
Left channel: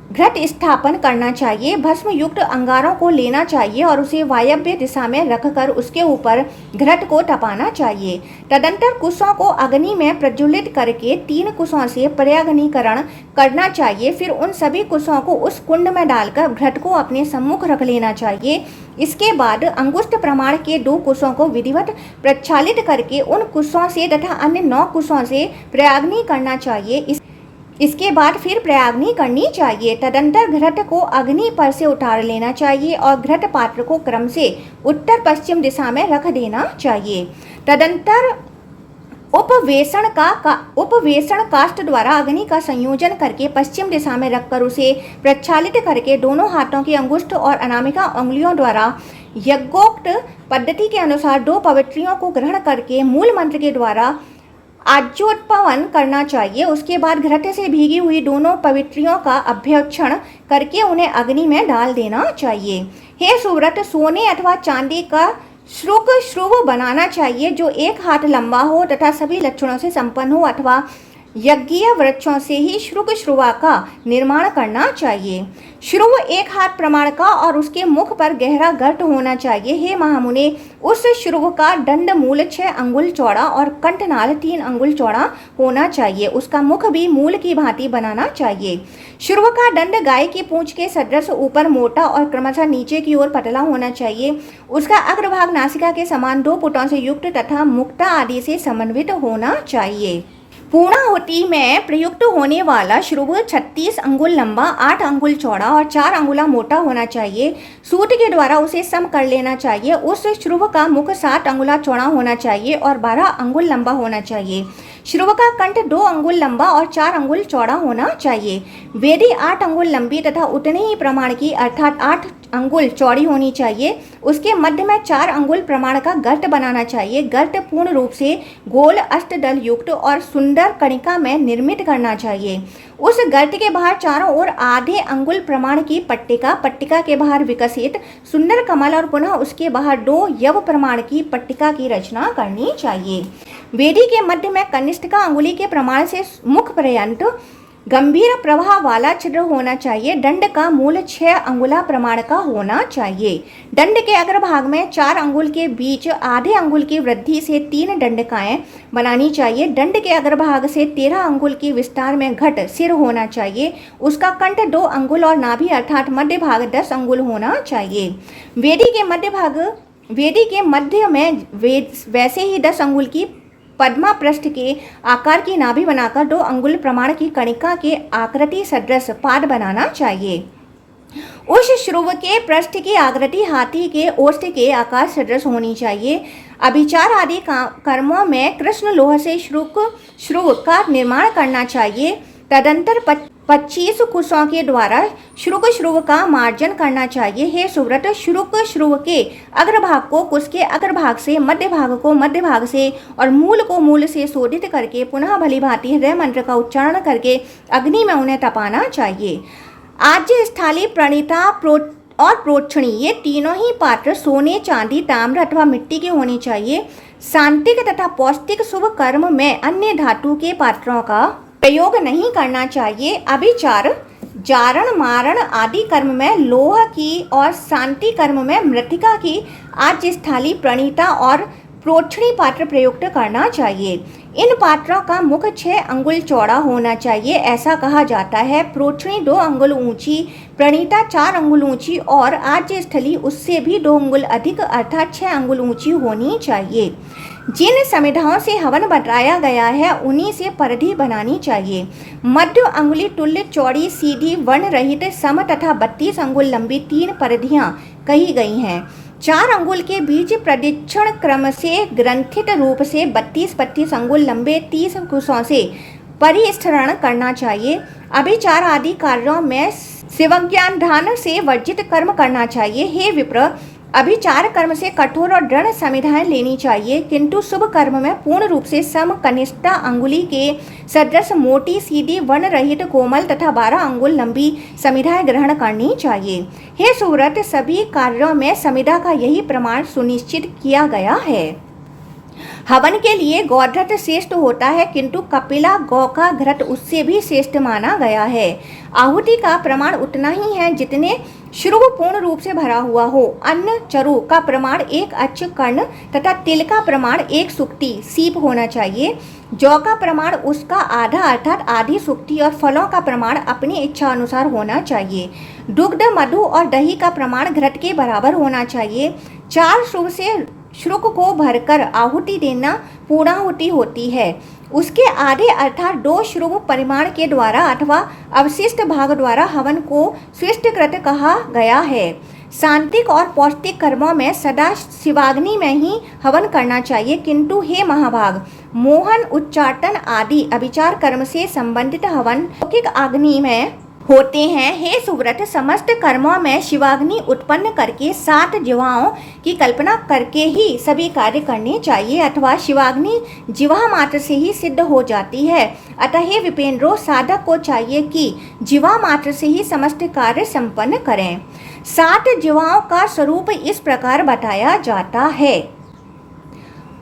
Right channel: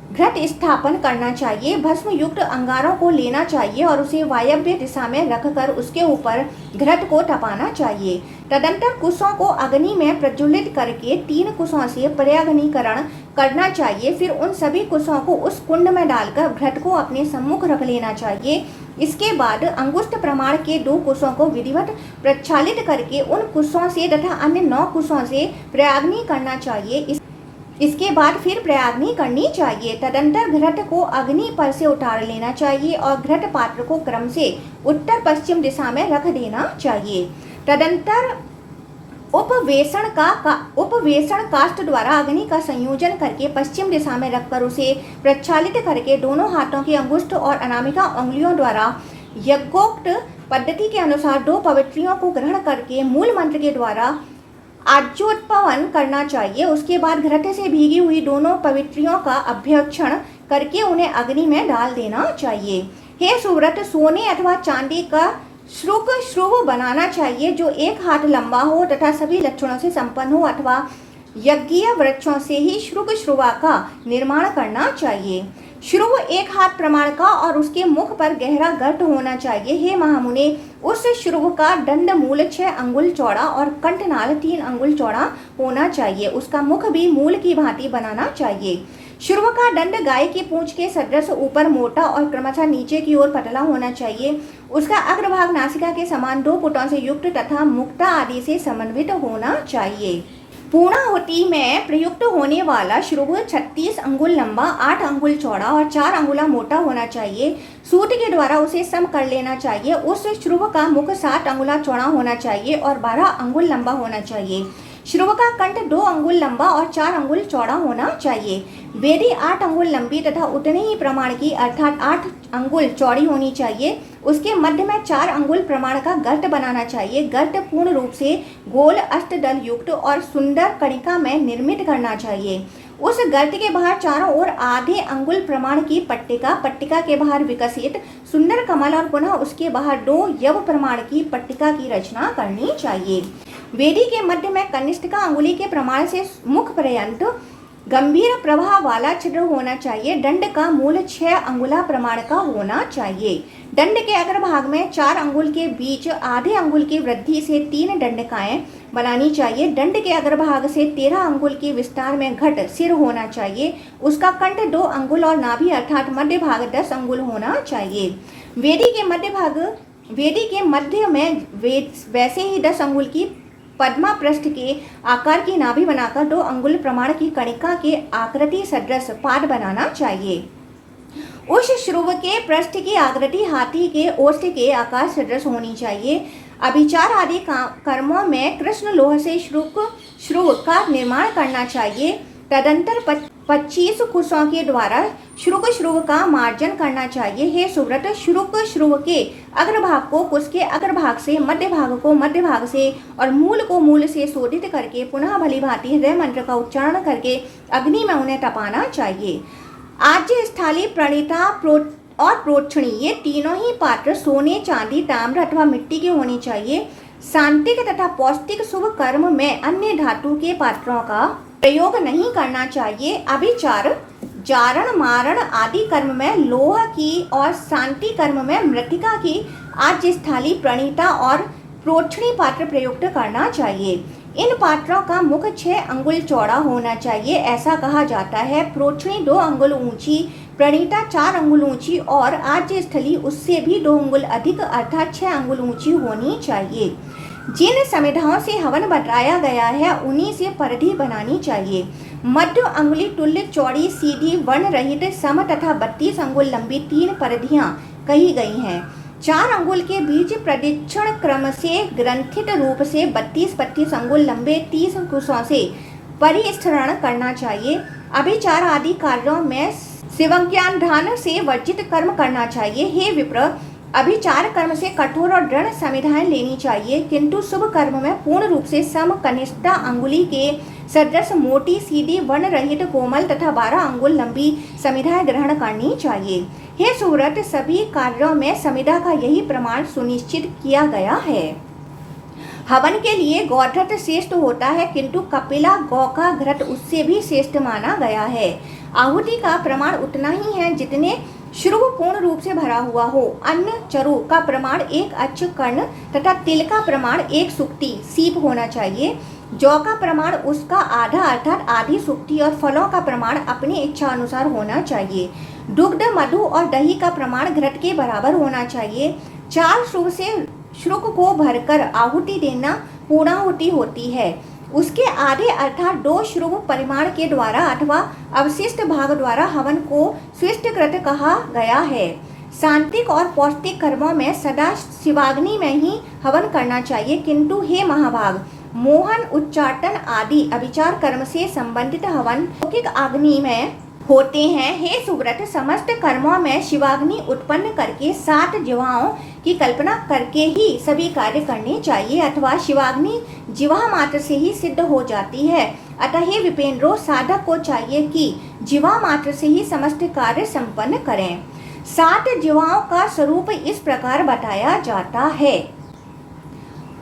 घृत स्थापन करना चाहिए। भस्म युक्त अंगारों को लेना चाहिए और उसे वायव्य दिशा में रखकर उसके ऊपर घृत को तपाना चाहिए। तदंतर कुशों को अग्नि में प्रज्वलित करके 3 कुशों से पर्याग्निकरण करना चाहिए। फिर उन सभी कुशों को उस कुंड में डालकर घृत को अपने सम्मुख रख लेना चाहिए। इसके बाद अंगुष्ठ प्रमाण के 2 कुशों को विधिवत प्रक्षालित करके उन कुशों से तथा अन्य 9 कुशों से पर्याग्नि करना चाहिए। इसके बाद फिर प्रयाग्नि करनी चाहिए। तदंतर घृत को अग्नि पर से उतार लेना चाहिए और घृत पात्र को क्रम से उत्तर पश्चिम दिशा में रख देना चाहिए। तदंतर उपवेशन काष्ठ द्वारा अग्नि का संयोजन करके पश्चिम दिशा में रखकर उसे प्रक्षालित करके दोनों हाथों की अंगुष्ठ और अनामिका उंगलियों द्वारा यज्ञोक्त पद्धति के अनुसार 2 पवित्रियों को ग्रहण करके मूल मंत्र के द्वारा आज्योत्पवन करना चाहिए। उसके बाद घृत से भीगी हुई दोनों पवित्रियों का अभ्यक्षण करके उन्हें अग्नि में डाल देना चाहिए। हे सुव्रत, सोने अथवा चांदी का श्रुव बनाना चाहिए जो 1 हाथ लंबा हो तथा सभी लक्षणों से संपन्न हो अथवा यज्ञीय वृक्षों से ही श्रुवा का निर्माण करना चाहिए। श्रुव 1 हाथ प्रमाण का और उसके मुख पर गहरा गर्त होना चाहिए। हे महामुने, उस श्रुव का दंड मूल 6 अंगुल चौड़ा और कंठनाल 3 अंगुल चौड़ा होना चाहिए। उसका मुख भी मूल की भांति बनाना चाहिए। श्रुव का दंड गाय की पूंछ के सदृश ऊपर मोटा और क्रमशः नीचे की ओर पतला होना चाहिए। उसका अग्रभाग नासिका के समान 2 पुटों से युक्त तथा मुक्ता आदि से समन्वित होना चाहिए। पूर्णाहुति में प्रयुक्त होने वाला श्रुव 36 अंगुल लंबा, 8 अंगुल चौड़ा और 4 अंगुला मोटा होना चाहिए। सूत के द्वारा उसे सम कर लेना चाहिए। उस श्रुव का मुख 7 अंगुला चौड़ा होना चाहिए और 12 अंगुल लंबा होना चाहिए। श्रुव का कंठ 2 अंगुल लंबा और 4 अंगुल चौड़ा होना चाहिए। वेदी 8 अंगुल लंबी तथा उतने ही प्रमाण की अर्थात 8 अंगुल चौड़ी होनी चाहिए। उसके मध्य में 4 अंगुल प्रमाण का गर्त बनाना चाहिए। गर्त पूर्ण रूप से गोल अष्टदल युक्त और सुंदर कणिका में निर्मित करना चाहिए। उस गर्त के बाहर चारों ओर आधे अंगुल प्रमाण की पट्टिका के बाहर विकसित सुंदर कमल और पुनः उसके बाहर 2 यव प्रमाण की पट्टिका की रचना करनी चाहिए। वेदी के मध्य में कनिष्ठिका अंगुली के प्रमाण से मुख पर्यंत गंभीर प्रवाह वाला छिद्र होना चाहिए। दंड का मूल 6 अंगुला प्रमाण का होना चाहिए। दंड के अग्रभाग में 4 अंगुल के बीच आधे अंगुल की वृद्धि से 3 दंडकाएं बनानी चाहिए। दंड के अग्रभाग से 13 अंगुल की विस्तार में घट सिर होना चाहिए। उसका कंठ 2 अंगुल और नाभि अर्थात मध्य भाग 10 अंगुल होना चाहिए। वेदी के मध्य में वैसे ही 10 अंगुल की पद्मा पृष्ठ के आकार की नाभि बनाकर 2 अंगुल प्रमाण की कणिका के आकृति सदृश पाद बनाना चाहिए। उस श्रुव के पृष्ठ की आकृति हाथी के ओष्ठ के आकार सदृश होनी चाहिए। अभिचार आदि कर्मों में कृष्ण लोह से श्रुव का निर्माण करना चाहिए। तदंतर 25 कुशों के द्वारा श्रुव का मार्जन करना चाहिए। हे सुव्रत, श्रुव के अग्रभाग को कुश के अग्रभाग से, मध्य भाग को मध्य भाग से और मूल को मूल से शोधित करके पुनः भली भांति हृदय मंत्र का उच्चारण करके अग्नि में उन्हें तपाना चाहिए। आज्य, स्थाली, प्रणीता और प्रोक्षणी ये तीनों ही पात्र सोने, चांदी, ताम्र अथवा मिट्टी के होनी चाहिए। सांतिक तथा पौष्टिक शुभ कर्म में अन्य धातु के पात्रों का प्रयोग नहीं करना चाहिए। अभिचार, जारण, मारण आदि कर्म में लोह की और शांति कर्म में मृतिका की आज्य, स्थाली, प्रणीता और प्रोक्षणी पात्र प्रयुक्त करना चाहिए। इन पात्रों का मुख 6 अंगुल चौड़ा होना चाहिए, ऐसा कहा जाता है। प्रोक्षणी 2 अंगुल ऊंची, प्रणीता 4 अंगुल ऊंची और आज्य स्थली उससे भी 2 अंगुल अधिक अर्थात 6 अंगुल ऊंची होनी चाहिए। जिन समिधाओं से हवन बताया गया है उन्हीं से परिधि बनानी चाहिए। मध्य अंगुली तुल्य चौड़ी, सीधी, वर्ण रहित, सम तथा 32 अंगुल लंबी 3 परिधियां कही गई हैं। 4 अंगुल के बीच प्रदक्षिण क्रम से ग्रंथित रूप से 32-32 अंगुल लंबे 30 कुशों से परिस्थिरण करना चाहिए। अभिचार आदि कार्यों में शिवज्ञान ध्यान से वर्जित कर्म करना चाहिए। हे विप्र, अभिचार कर्म से कठोर और दृढ़ समिधाएं लेनी चाहिए, किंतु शुभ कर्म में पूर्ण रूप से सम कनिष्ठा अंगुली के सदृश मोटी, सीधी, वर्ण रहित, कोमल तथा 12 अंगुल लंबी समिधाएं ग्रहण करनी चाहिए। हे सुव्रत, सभी कार्यों में समिधा का यही प्रमाण सुनिश्चित किया गया है। हवन के लिए गौघृत श्रेष्ठ होता है, किंतु कपिला गौ का घृत उससे भी श्रेष्ठ माना गया है। आहुति का प्रमाण उतना ही है जितने श्रुव पूर्ण रूप से भरा हुआ हो। अन्न चरु का प्रमाण 1 अच्छ कर्ण तथा तिल का प्रमाण 1 सुक्ति सीप होना चाहिए। जौ का प्रमाण उसका आधा अर्थात आधी सुक्ति और फलों का प्रमाण अपनी इच्छा अनुसार होना चाहिए। दुग्ध, मधु और दही का प्रमाण घृत के बराबर होना चाहिए। 4 श्रुव से श्रुक को भरकर आहुति देना पूर्णाहुति होती है। उसके आधे अर्थात 2 श्रुव परिमाण के द्वारा अथवा अवशिष्ट भाग द्वारा हवन को स्विष्टकृत कहा गया है। सांत्विक और पौष्टिक कर्मों में सदा शिवाग्नि में ही हवन करना चाहिए, किंतु हे महाभाग, मोहन, उच्चाटन आदि अभिचार कर्म से संबंधित हवन लौकिक अग्नि में होते हैं। हे सुव्रत, समस्त कर्मों में शिवाग्नि उत्पन्न करके 7 जिह्वाओं की कल्पना करके ही सभी कार्य करने चाहिए, अथवा शिवाग्नि जिह्वा मात्र से ही सिद्ध हो जाती है। अतः हे विपेंद्रो, साधक को चाहिए कि जिह्वा मात्र से ही समस्त कार्य संपन्न करें। 7 जिह्वाओं का स्वरूप इस प्रकार बताया जाता है।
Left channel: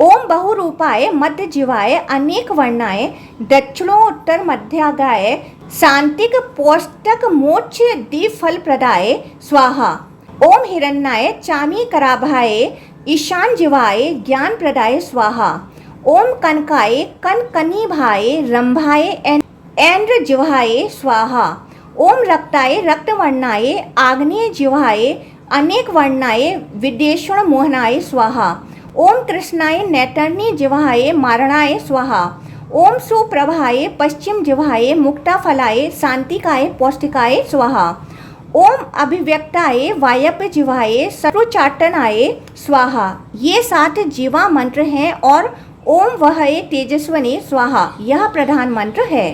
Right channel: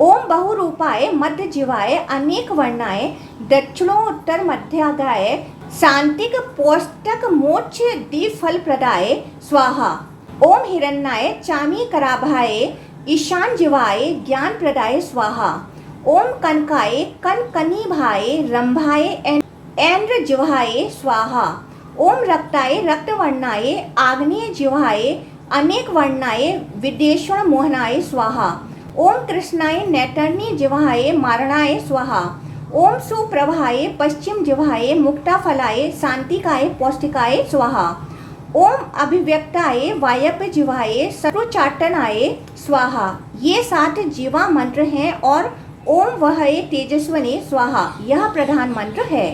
ओम बहुरूपाय मध्य जिह्वाय अनेक वर्णाय दक्षिणोत्तर मध्यागाय सांतिक पौष्टक मोक्ष द्विफल प्रदाय स्वाहा। ओम हिरण्याय चामी कराभाय ईशान जिह्वाय ज्ञान प्रदाय स्वाहा। ओम कनकाय कनकनिभाय रंभाय ऐन्द्र जिह्वाय स्वाहा। ओम रक्ताय रक्तवर्णाय आग्नेय जिह्वाय अनेक वर्णाय विदेशण मोहनाय स्वाहा। ओम कृष्णाय नैतन्य जिह्वाय मारणाय स्वाहा। ओम सुप्रभाय पश्चिम जिह्वाय मुक्ताफलाय शांतिकाय पौष्टिकाय स्वाहा। ओम अभिव्यक्ताय वायव्य जिह्वाय शत्रुचाटनाय स्वाहा। ये 7 जीवा मंत्र हैं और ओम वहये तेजस्वने स्वाहा यह प्रधान मंत्र है।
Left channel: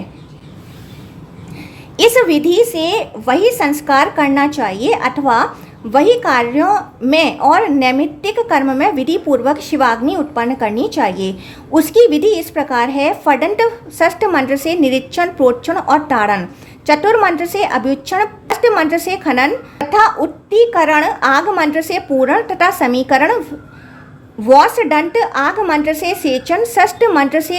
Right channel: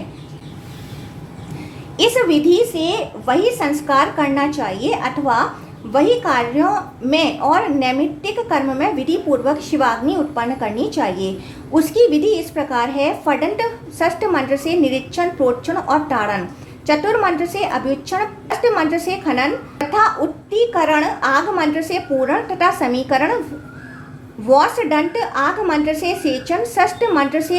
इस विधि से वही संस्कार करना चाहिए अथवा वही कार्यों में और नैमित्तिक कर्म में विधि पूर्वक शिवाग्नि उत्पन्न करनी चाहिए। उसकी विधि इस प्रकार है। फडंत षष्ठ मंत्र से निरीक्षण, प्रोक्षण और ताड़न, चतुर मंत्र से अभ्युच्छन, अष्ट मंत्र से खनन तथा उत्तीकरण, आग मंत्र से पूरण तथा समीकरण, वॉसडंट आग मंत्र से सेचन, षष्ठ मंत्र से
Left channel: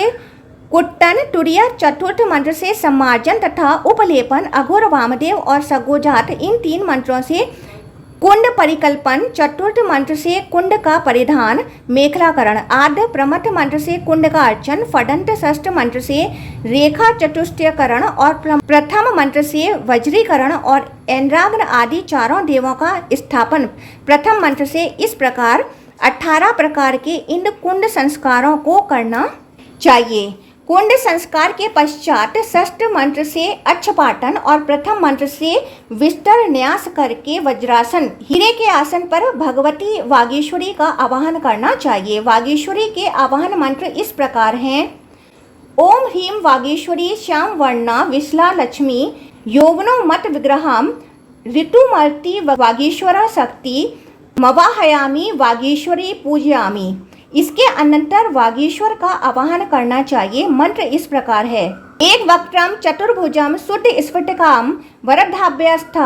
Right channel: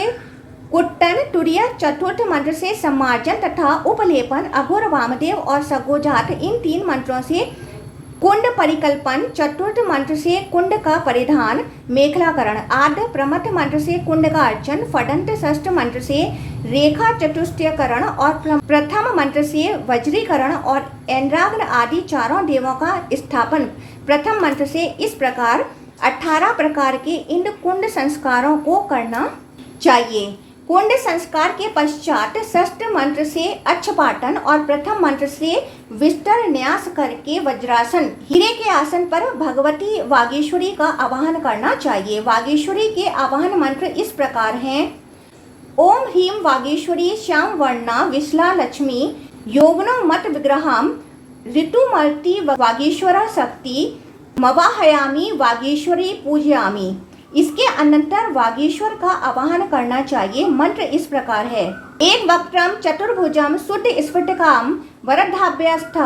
कुट्टन, तुरिया चतुर्थ मंत्र से सम्मार्जन तथा उपलेपन, अघोर वामदेव और सगोजात इन 3 मंत्रों से कुंड परिकल्पन, चतुर्थ मंत्र से कुंड का परिधान मेखलाकरण, आद्य प्रमथ मंत्र से कुंड का अर्चन, फडंत षष्ठ मंत्र से रेखा चतुष्टयकरण और प्रथम मंत्र से वज्रीकरण और ऐन्द्राग्न आदि चारों देवों का स्थापन प्रथम मंत्र से इस प्रकार 18 प्रकार के इन कुंड संस्कारों को करना चाहिए। कुंड संस्कार के पश्चात षष्ठ मंत्र से अच्छपाटन और प्रथम मंत्र से विस्तर न्यास करके वज्रासन, हीरे के आसन पर भगवती वागीश्वरी का आवाहन करना चाहिए। वागीश्वरी के आवाहन मंत्र इस प्रकार हैं। ओम ह्रीं वागीश्वरी श्याम वर्णा विशला लक्ष्मी योगनो मत विग्रहम ऋतुमर्ति वागीश्वरा शक्ति मवाहयामी वागीश्वरी पूजयामी। इसके अनंतर वागीश्वर का आवाहन करना चाहिए। मंत्र इस प्रकार है। एक वक्त्रम चतुर्भुजम शुद्ध स्फटिकाम वरदाभ्यस्थ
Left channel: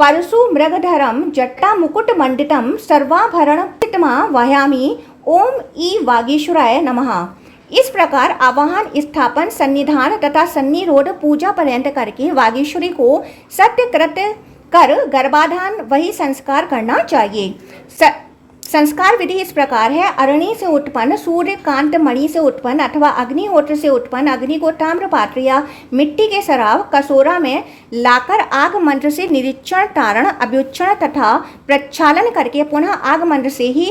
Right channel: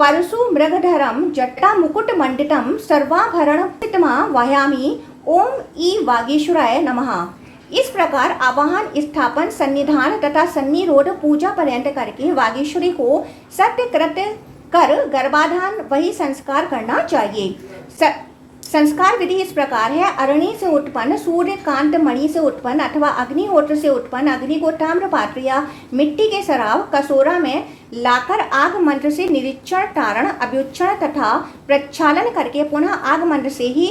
परशु मृगधरम जट्टा मुकुट मंडितम सर्वाभरण वहायामी ओम ई वागीश्वराय नमः। इस प्रकार आवाहन, स्थापन, सन्निधान तथा सन्निरोध पूजा पर्यंत करके वागीश्वरी को सत्यकृत कर गर्भाधान वही संस्कार करना चाहिए। संस्कार विधि इस प्रकार है। अरणि से उत्पन्न, सूर्य कांत मणि से उत्पन्न अथवा अग्निहोत्र से उत्पन्न अग्नि को ताम्र पात्र या मिट्टी के सराव कसोरा में लाकर आग मंत्र से निरीक्षण, तारण, अभ्युच्चरण तथा प्रक्षालन करके पुनः आग मंत्र से ही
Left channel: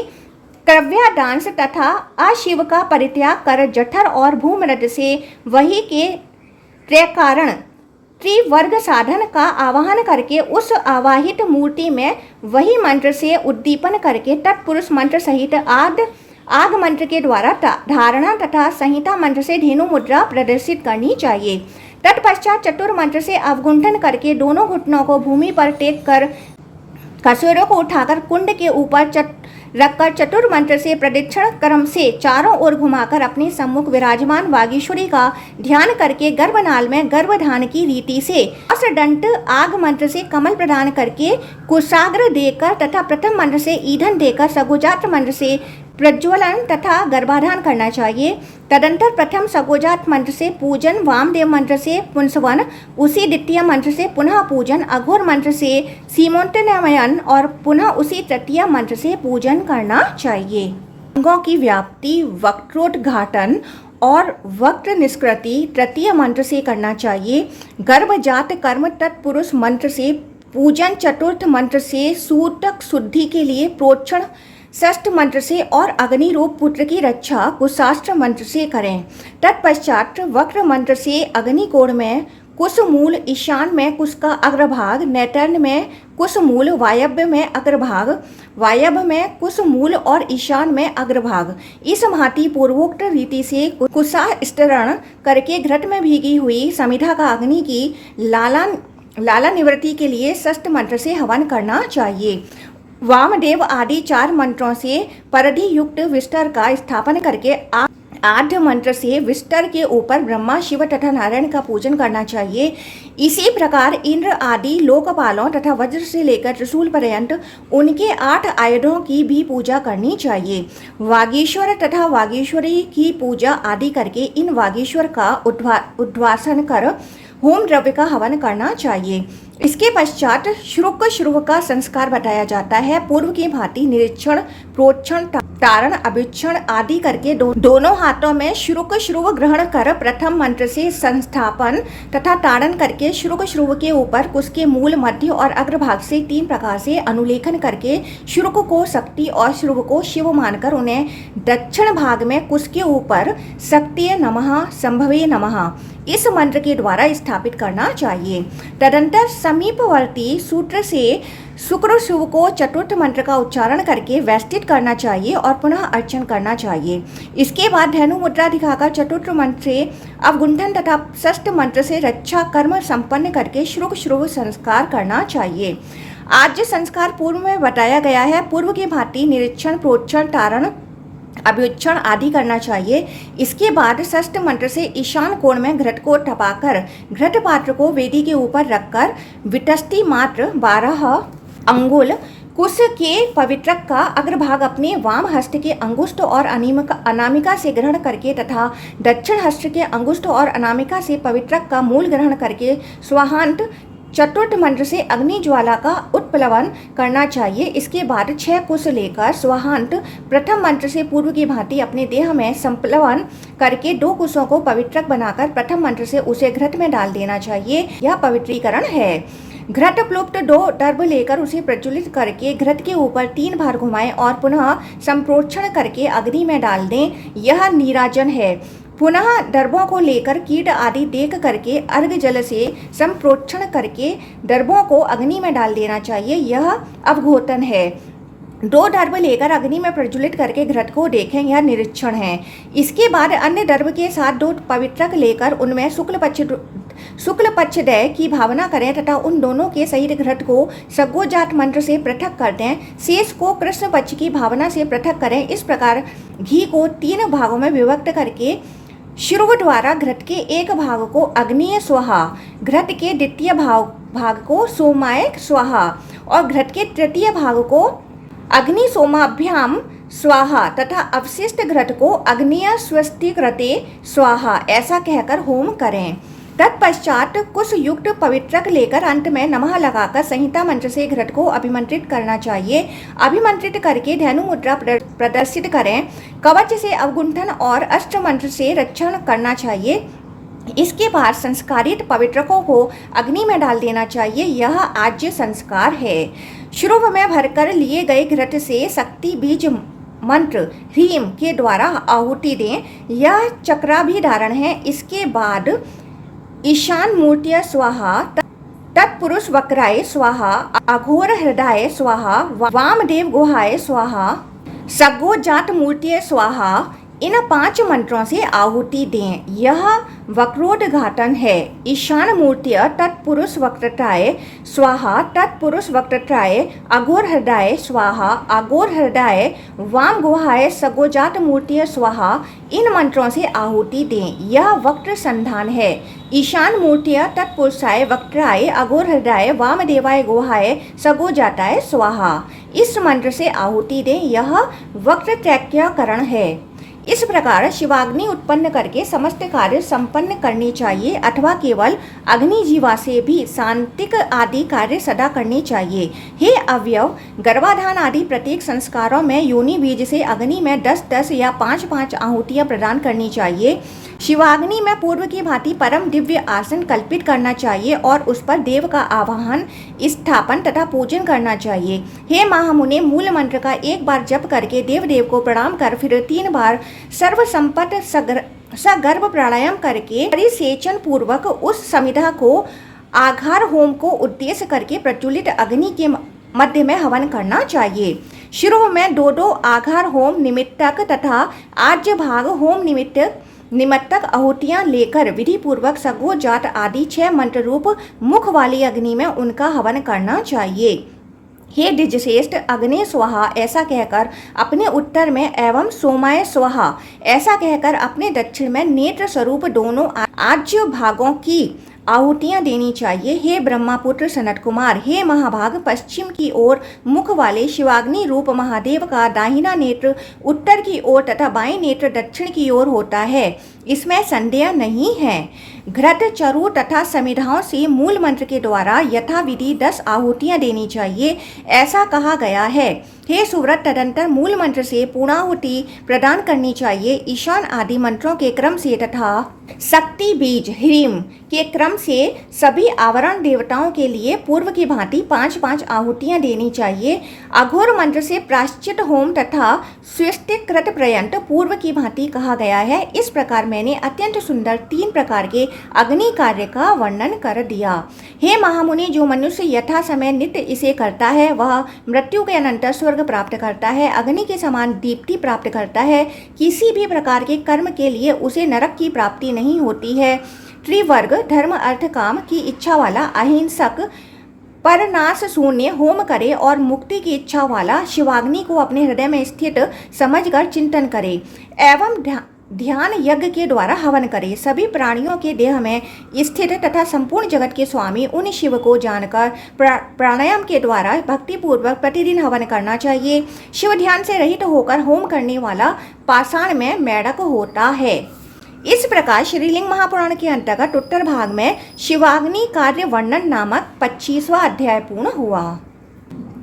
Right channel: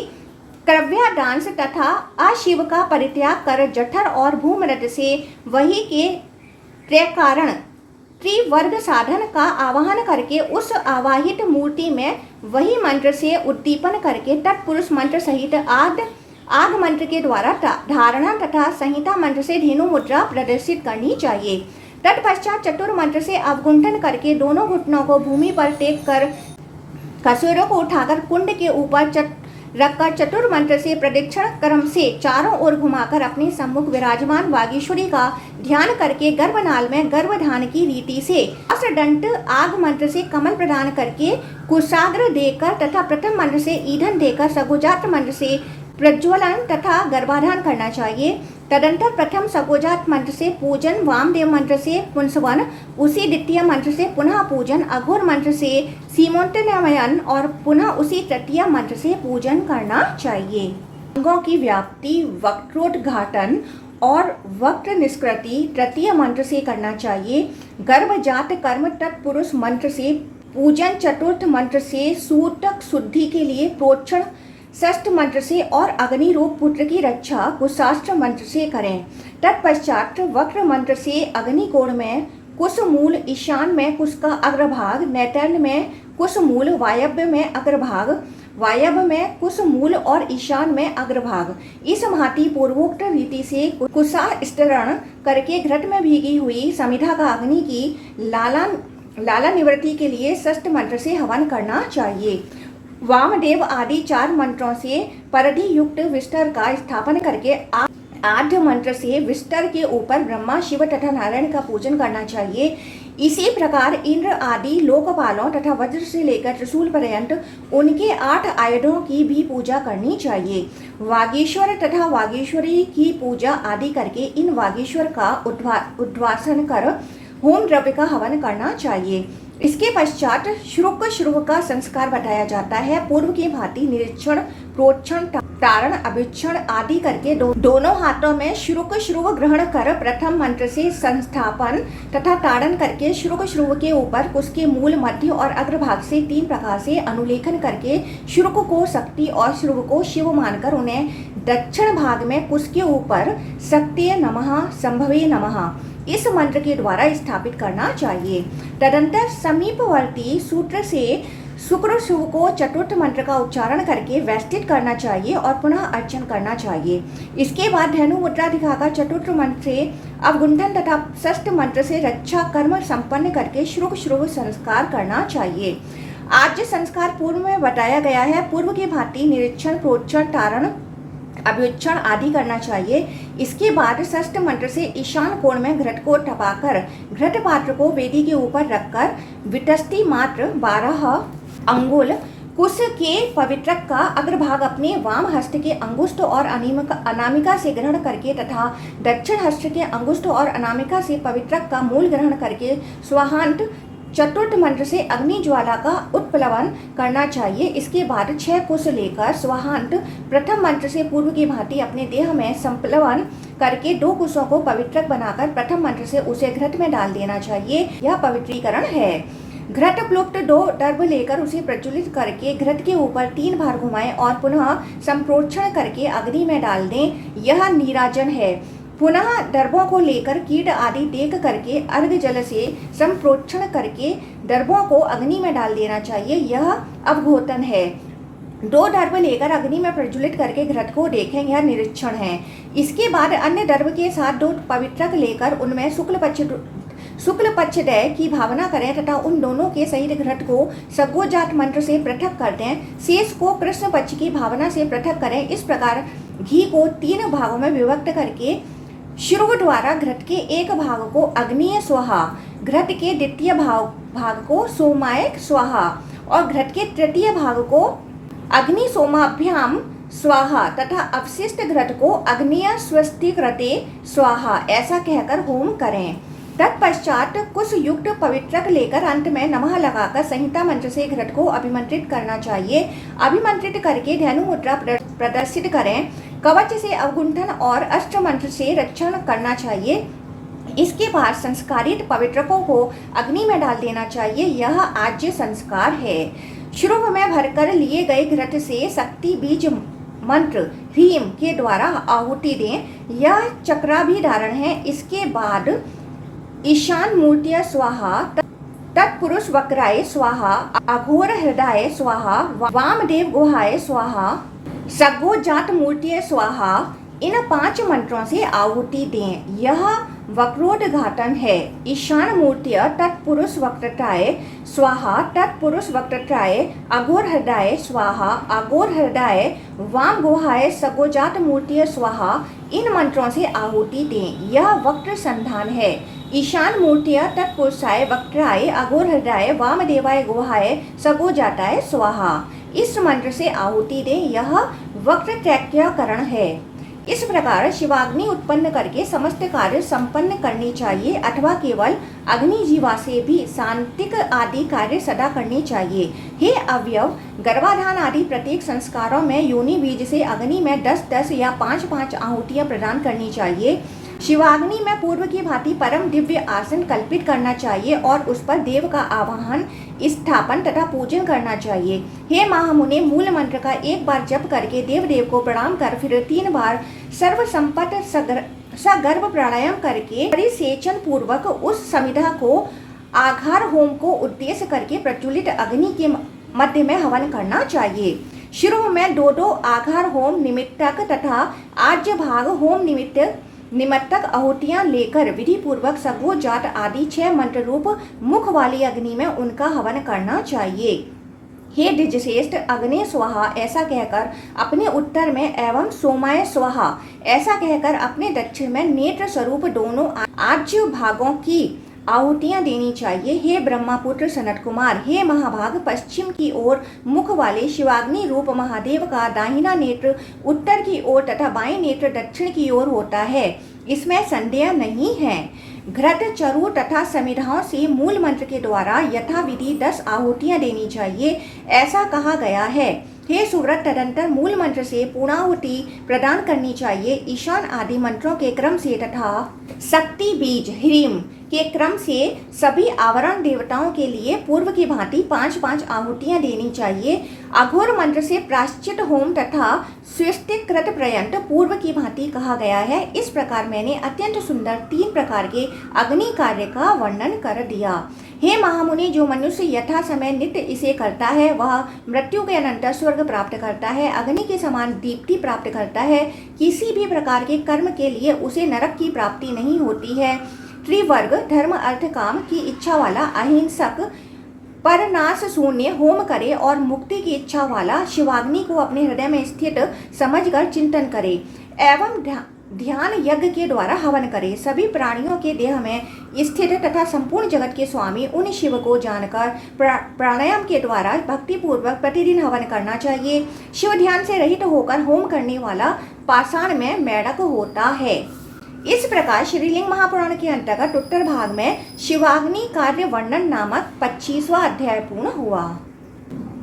क्रव्यादांश तथा अशिव का परित्याग कर जठर और भूमरद से वही के त्रैकारण त्रिवर्ग साधन का आवाहन करके उस आवाहित मूर्ति में वही मंत्र से उद्दीपन करके तत्पुरुष मंत्र सहित आग मंत्र के द्वारा धारणा तथा संहिता मंत्र से धेनु मुद्रा प्रदर्शित करनी चाहिए। तत्पश्चात चतुर मंत्र से अवगुंठन करके दोनों घुटनों को भूमि पर टेक कर कसूरों को उठाकर कुंड के ऊपर रखकर चतुर मंत्र से प्रदक्षिण क्रम से चारों ओर घुमाकर अपने सम्मुख विराजमान वागीश्वरी का ध्यान करके गर्भनाल में गर्भधान की रीति से असडंट आग मंत्र से कमल प्रदान करके कुशाग्र देकर तथा प्रथम मंत्र से ईंधन देकर सगोजात मंत्र से प्रज्वलन तथा गर्भाधान करना चाहिए। तदंतर प्रथम सगोजात मंत्र से पूजन, वामदेव मंत्र से पुंसवन, उसी द्वितीय मंत्र से पुनः पूजन, अघोर मंत्र से सीमोत्तनयन और पुनः उसी तृतीय मंत्र से पूजन करना चाहिए। अंगों की व्याप्ति, वक्रोद्घाटन और वक्र निष्कृति तृतीय मंत्र से करना चाहिए। गर्भजात कर्म तत्पुरुष मंत्र से पूजन, चतुर्थ मंत्र से सूतक शुद्धि के लिए प्रोक्षण, षष्ठ मंत्र से और अग्निरूप पुत्र की रक्षा कुशास्त्र मंत्र से करें। तत्पश्चात वक्र मंत्र से अग्निकोण में कुशमूल, ईशान में कुश का अग्रभाग, नैतर्ण में कुशमूल, वायव्य में अग्रभाग, वायव्य में कुशमूल और ईशान में अग्रभाग इस भांति पूर्वोक्त रीति से कुशास्तरण करके घृत में भीगी हुई समिधा का अग्नि की लाला निवृत्ति के लिए षष्ठ मंत्र से हवन करना चाहिए। वामदेव आदि 4 मंत्रों से परिधि युक्त विस्तर का स्थापन करके आद्य मंत्र से विस्तर के ऊपर ब्रह्मा, शिव तथा नारायण का पूजन करना चाहिए। इसी प्रकार इंद्र आदि लोकपालों तथा वज्र से लेकर त्रिशूल पर्यंत उनके 8 आयुधों की भी पूजा करनी चाहिए। वागीश्वर तथा वागीश्वरी की पूजा आदि करके इन वागीश्वर का उद्वासन कर होम द्रव्य का हवन करना चाहिए। इसके पश्चात श्रुव का संस्कार बताया जाता है। पूर्व की भांति निरीक्षण, प्रोक्षण, तारण, अभ्युच्चरण आदि करके दोनों हाथों में श्रुव ग्रहण कर प्रथम मंत्र से संस्थापन तथा ताड़न करके श्रुव के ऊपर उसके मूल, मध्य और अग्रभाग से 3 प्रकार से अनुलेखन करके श्रुव को शक्ति और श्रुव को शिव मानकर उन्हें दक्षिण भाग में कुश के ऊपर शक्तिये नमः, संभवे नमः इस मंत्र के द्वारा स्थापित करना चाहिए। तदंतर समीपवर्ती सूत्र से शुक्र शिव को चतुर्थ मंत्र का उच्चारण करके वैष्टित करना चाहिए और पुनः अर्चन करना चाहिए। इसके बाद धेनु मुद्रा दिखाकर चतुर्थ मंत्र से अवगुंठन तथा षष्ठ मंत्र से रक्षा कर्म संपन्न करके श्रुव संस्कार करना चाहिए। आज संस्कार पूर्व में बताया गया है। पूर्व की भांति निरीक्षण, प्रोक्षण, तारण, अभ्युच्चरण आदि करना चाहिए। इसके बाद षष्ठ मंत्र से ईशान कोण में घृत को टपाकर घृत पात्र को वेदी के ऊपर रखकर वितस्ती मात्र 12 अंगुल कुश के पवित्रक का अग्रभाग अपने वाम हस्त के अंगुष्ठ और अनामिका से ग्रहण करके तथा दक्षिण हस्त के अंगुष्ठ और अनामिका से पवित्रक का मूल ग्रहण करके स्वाहांत चतुर्थ मंत्र से अग्नि ज्वाला का उत्प्लवन करना चाहिए। इसके बाद 6 कुश लेकर स्वाहांत प्रथम मंत्र से पूर्व की भांति अपने देह में संप्लवन करके 2 कुशों को पवित्रक बनाकर प्रथम मंत्र से उसे घृत में डाल देना चाहिए। यह पवित्रीकरण है। घृत प्लुप्त 2 दर्भ लेकर उसे प्रज्वलित करके घृत के ऊपर 3 बार घुमाएं और पुनः संप्रोक्षण करके अग्नि में डाल दें। यह नीराजन है। पुनः दर्भों को लेकर कीट आदि देख करके अर्घ जल से संप्रोक्षण करके दर्भों को अग्नि में डाल देना चाहिए। यह अवघोतन है। 2 दर्भ लेकर अग्नि में प्रज्वलित करके घृत को देखें, यह निरीक्षण है। इसके बाद अन्य दर्भ के साथ 2 पवित्रक लेकर उनमें शुक्ल पक्षदय की भावना करें तथा उन दोनों के सहित घृत को सगोजात मंत्र से पृथक कर दें। शेष को कृष्ण पक्ष की भावना से पृथक करें। इस प्रकार घी को 3 भागों में विभक्त करके श्रुव द्वारा घृत के एक भाग को अग्निय स्वाहा, घृत के द्वितीय भाग को सोमाय स्वाहा और घृत के तृतीय भाग को अग्नि सोमाभ्याम स्वाहा तथा अवशिष्ट घृत को अग्निय स्वस्तिकृते स्वाहा ऐसा कहकर होम करें। तत्पश्चात कुश युक्त पवित्रक लेकर अंत में नमः लगाकर संहिता मंत्र से घृत को अभिमंत्रित करना चाहिए। अभिमंत्रित करके धनु मुद्रा प्रदर्शित करें। कवच से अवगुंठन और अष्ट मंत्र से रक्षण करना चाहिए। इसके बाद संस्कारित पवित्रकों को अग्नि में डाल देना चाहिए। यह आज्य संस्कार है। श्रुव में भरकर लिए गए घृत से शक्ति बीज मंत्र ह्रीम के द्वारा आहुति दें। यह चक्राभिधारण है। इसके बाद ईशान मूर्तिय स्वाहा, तत्पुरुष वक्राय स्वाहा, अघोर हृदय स्वाहा, वामदेव गुहाय स्वाहा, सगोजात मूर्तिय स्वाहा, इन 5 मंत्रों से आहुति दें। यह वक्रोद्घाटन है। ईशान मूर्तिय तत्पुरुष वक्रत्राय स्वाहा, तत्पुरुष वक्रत्राय, अघोर हृदय स्वाहा, अघोर हृदय, वाम गुहाय सगोजात मूर्तिय स्वाहा, इन मंत्रों से आहुति दें। यह वक्र संधान है। ईशान मूर्तिय तत्पुरुषाय वक्त्राय, अघोर हृदय, वामदेवाय गुहाय सगोजाताय स्वाहा, इस मंत्र से आहुति दें। यह वक्र त्रैक्यकरण है। इस प्रकार शिवाग्नि उत्पन्न करके समस्त कार्य संपन्न करनी चाहिए अथवा केवल अग्नि जीवा से भी शांतिक आदि कार्य सदा करनी चाहिए। हे अवयव, गर्भाधान आदि प्रत्येक संस्कारों में योनि बीज से अग्नि में 10-10 या 5-5 आहुतियां प्रदान करनी चाहिए। शिवाग्नि में पूर्व की भांति परम दिव्य आसन कल्पित करना चाहिए और उस पर देव का आवाहन, स्थापन तथा पूजन करना चाहिए। हे महामुने, मूल मंत्र का 1 बार जप करके देव को प्रणाम कर फिर 3 बार सर्व संपत सगर्भ प्राणायाम करके परिसेचन पूर्वक उस समिधा को आघार होम को उद्देश्य करके प्रज्वलित अग्नि के मध्य में हवन करना चाहिए। शुरू में 2-2 आघार होम निमित्तक तथा आज्य भाग होम निमित्तक आहुतियां लेकर विधि पूर्वक सगोजात आदि 6 मंत्र रूप मुख वाली अग्नि में उनका हवन करना चाहिए। हे द्विजश्रेष्ठ, अग्नि स्वाहा ऐसा कहकर अपने उत्तर में एवं सोमाय स्वाहा ऐसा कहकर अपने दक्षिण में नेत्र स्वरूप दोनों आज्य भागों की आहुतियां देनी चाहिए। हे ब्रह्मपुत्र सनत कुमार, हे महाभाग, पश्चिम की ओर मुख वाले शिवाग्नि रूप महादेव का दाहिना नेत्र उत्तर की ओर तथा बाएं नेत्र दक्षिण की ओर होता है, इसमें संदेह नहीं है। घृत, चरु तथा समिधाओं से मूल मंत्र के द्वारा यथाविधि 10 आहुतियां देनी चाहिए, ऐसा कहा गया है। हे सुव्रत, तदंतर मूल मंत्र से पूर्णाहुति प्रदान करनी चाहिए। ईशान आदि मंत्रों के क्रम से तथा शक्ति बीज ह्रीम के क्रम से सभी आवरण देवताओं के लिए पूर्व की भांति 5-5 आहुतियां देनी चाहिए। अघोर मंत्र से प्राश्चित होम तथा स्वस्तिकृत पर्यंत पूर्व की भांति कहा गया है। इस प्रकार मैंने अत्यंत सुंदर 3 प्रकार के अग्नि कार्य का वर्णन कर दिया। हे महामुनि, जो मनुष्य यथा समय नित्य इसे करता है वह मृत्यु के अनंतर स्वर्ग प्राप्त करता है, अग्नि के समान दीप्ति प्राप्त करता है। किसी भी प्रकार के कर्म के लिए उसे नरक की प्राप्ति नहीं होती है। त्रिवर्ग धर्म अर्थ काम की इच्छा वाला अहिंसक परनाश शून्य होम करे और मुक्ति की इच्छा वाला शिवाग्नि को अपने हृदय में स्थित समझकर चिंतन करे एवं ध्यान यज्ञ के द्वारा हवन करें। सभी प्राणियों के देह में स्थित तथा संपूर्ण जगत के स्वामी उन शिव को जानकर प्राणायाम के द्वारा भक्तिपूर्वक प्रतिदिन हवन करना चाहिए। शिव ध्यान से रहित होकर होम करने वाला पाषाण में मेढक होता है। इस प्रकार श्रीलिंग महापुराण के अंतर्गत उत्तर भाग में शिवाग्नि कार्य वर्णन नामक 25वां अध्याय पूर्ण हुआ।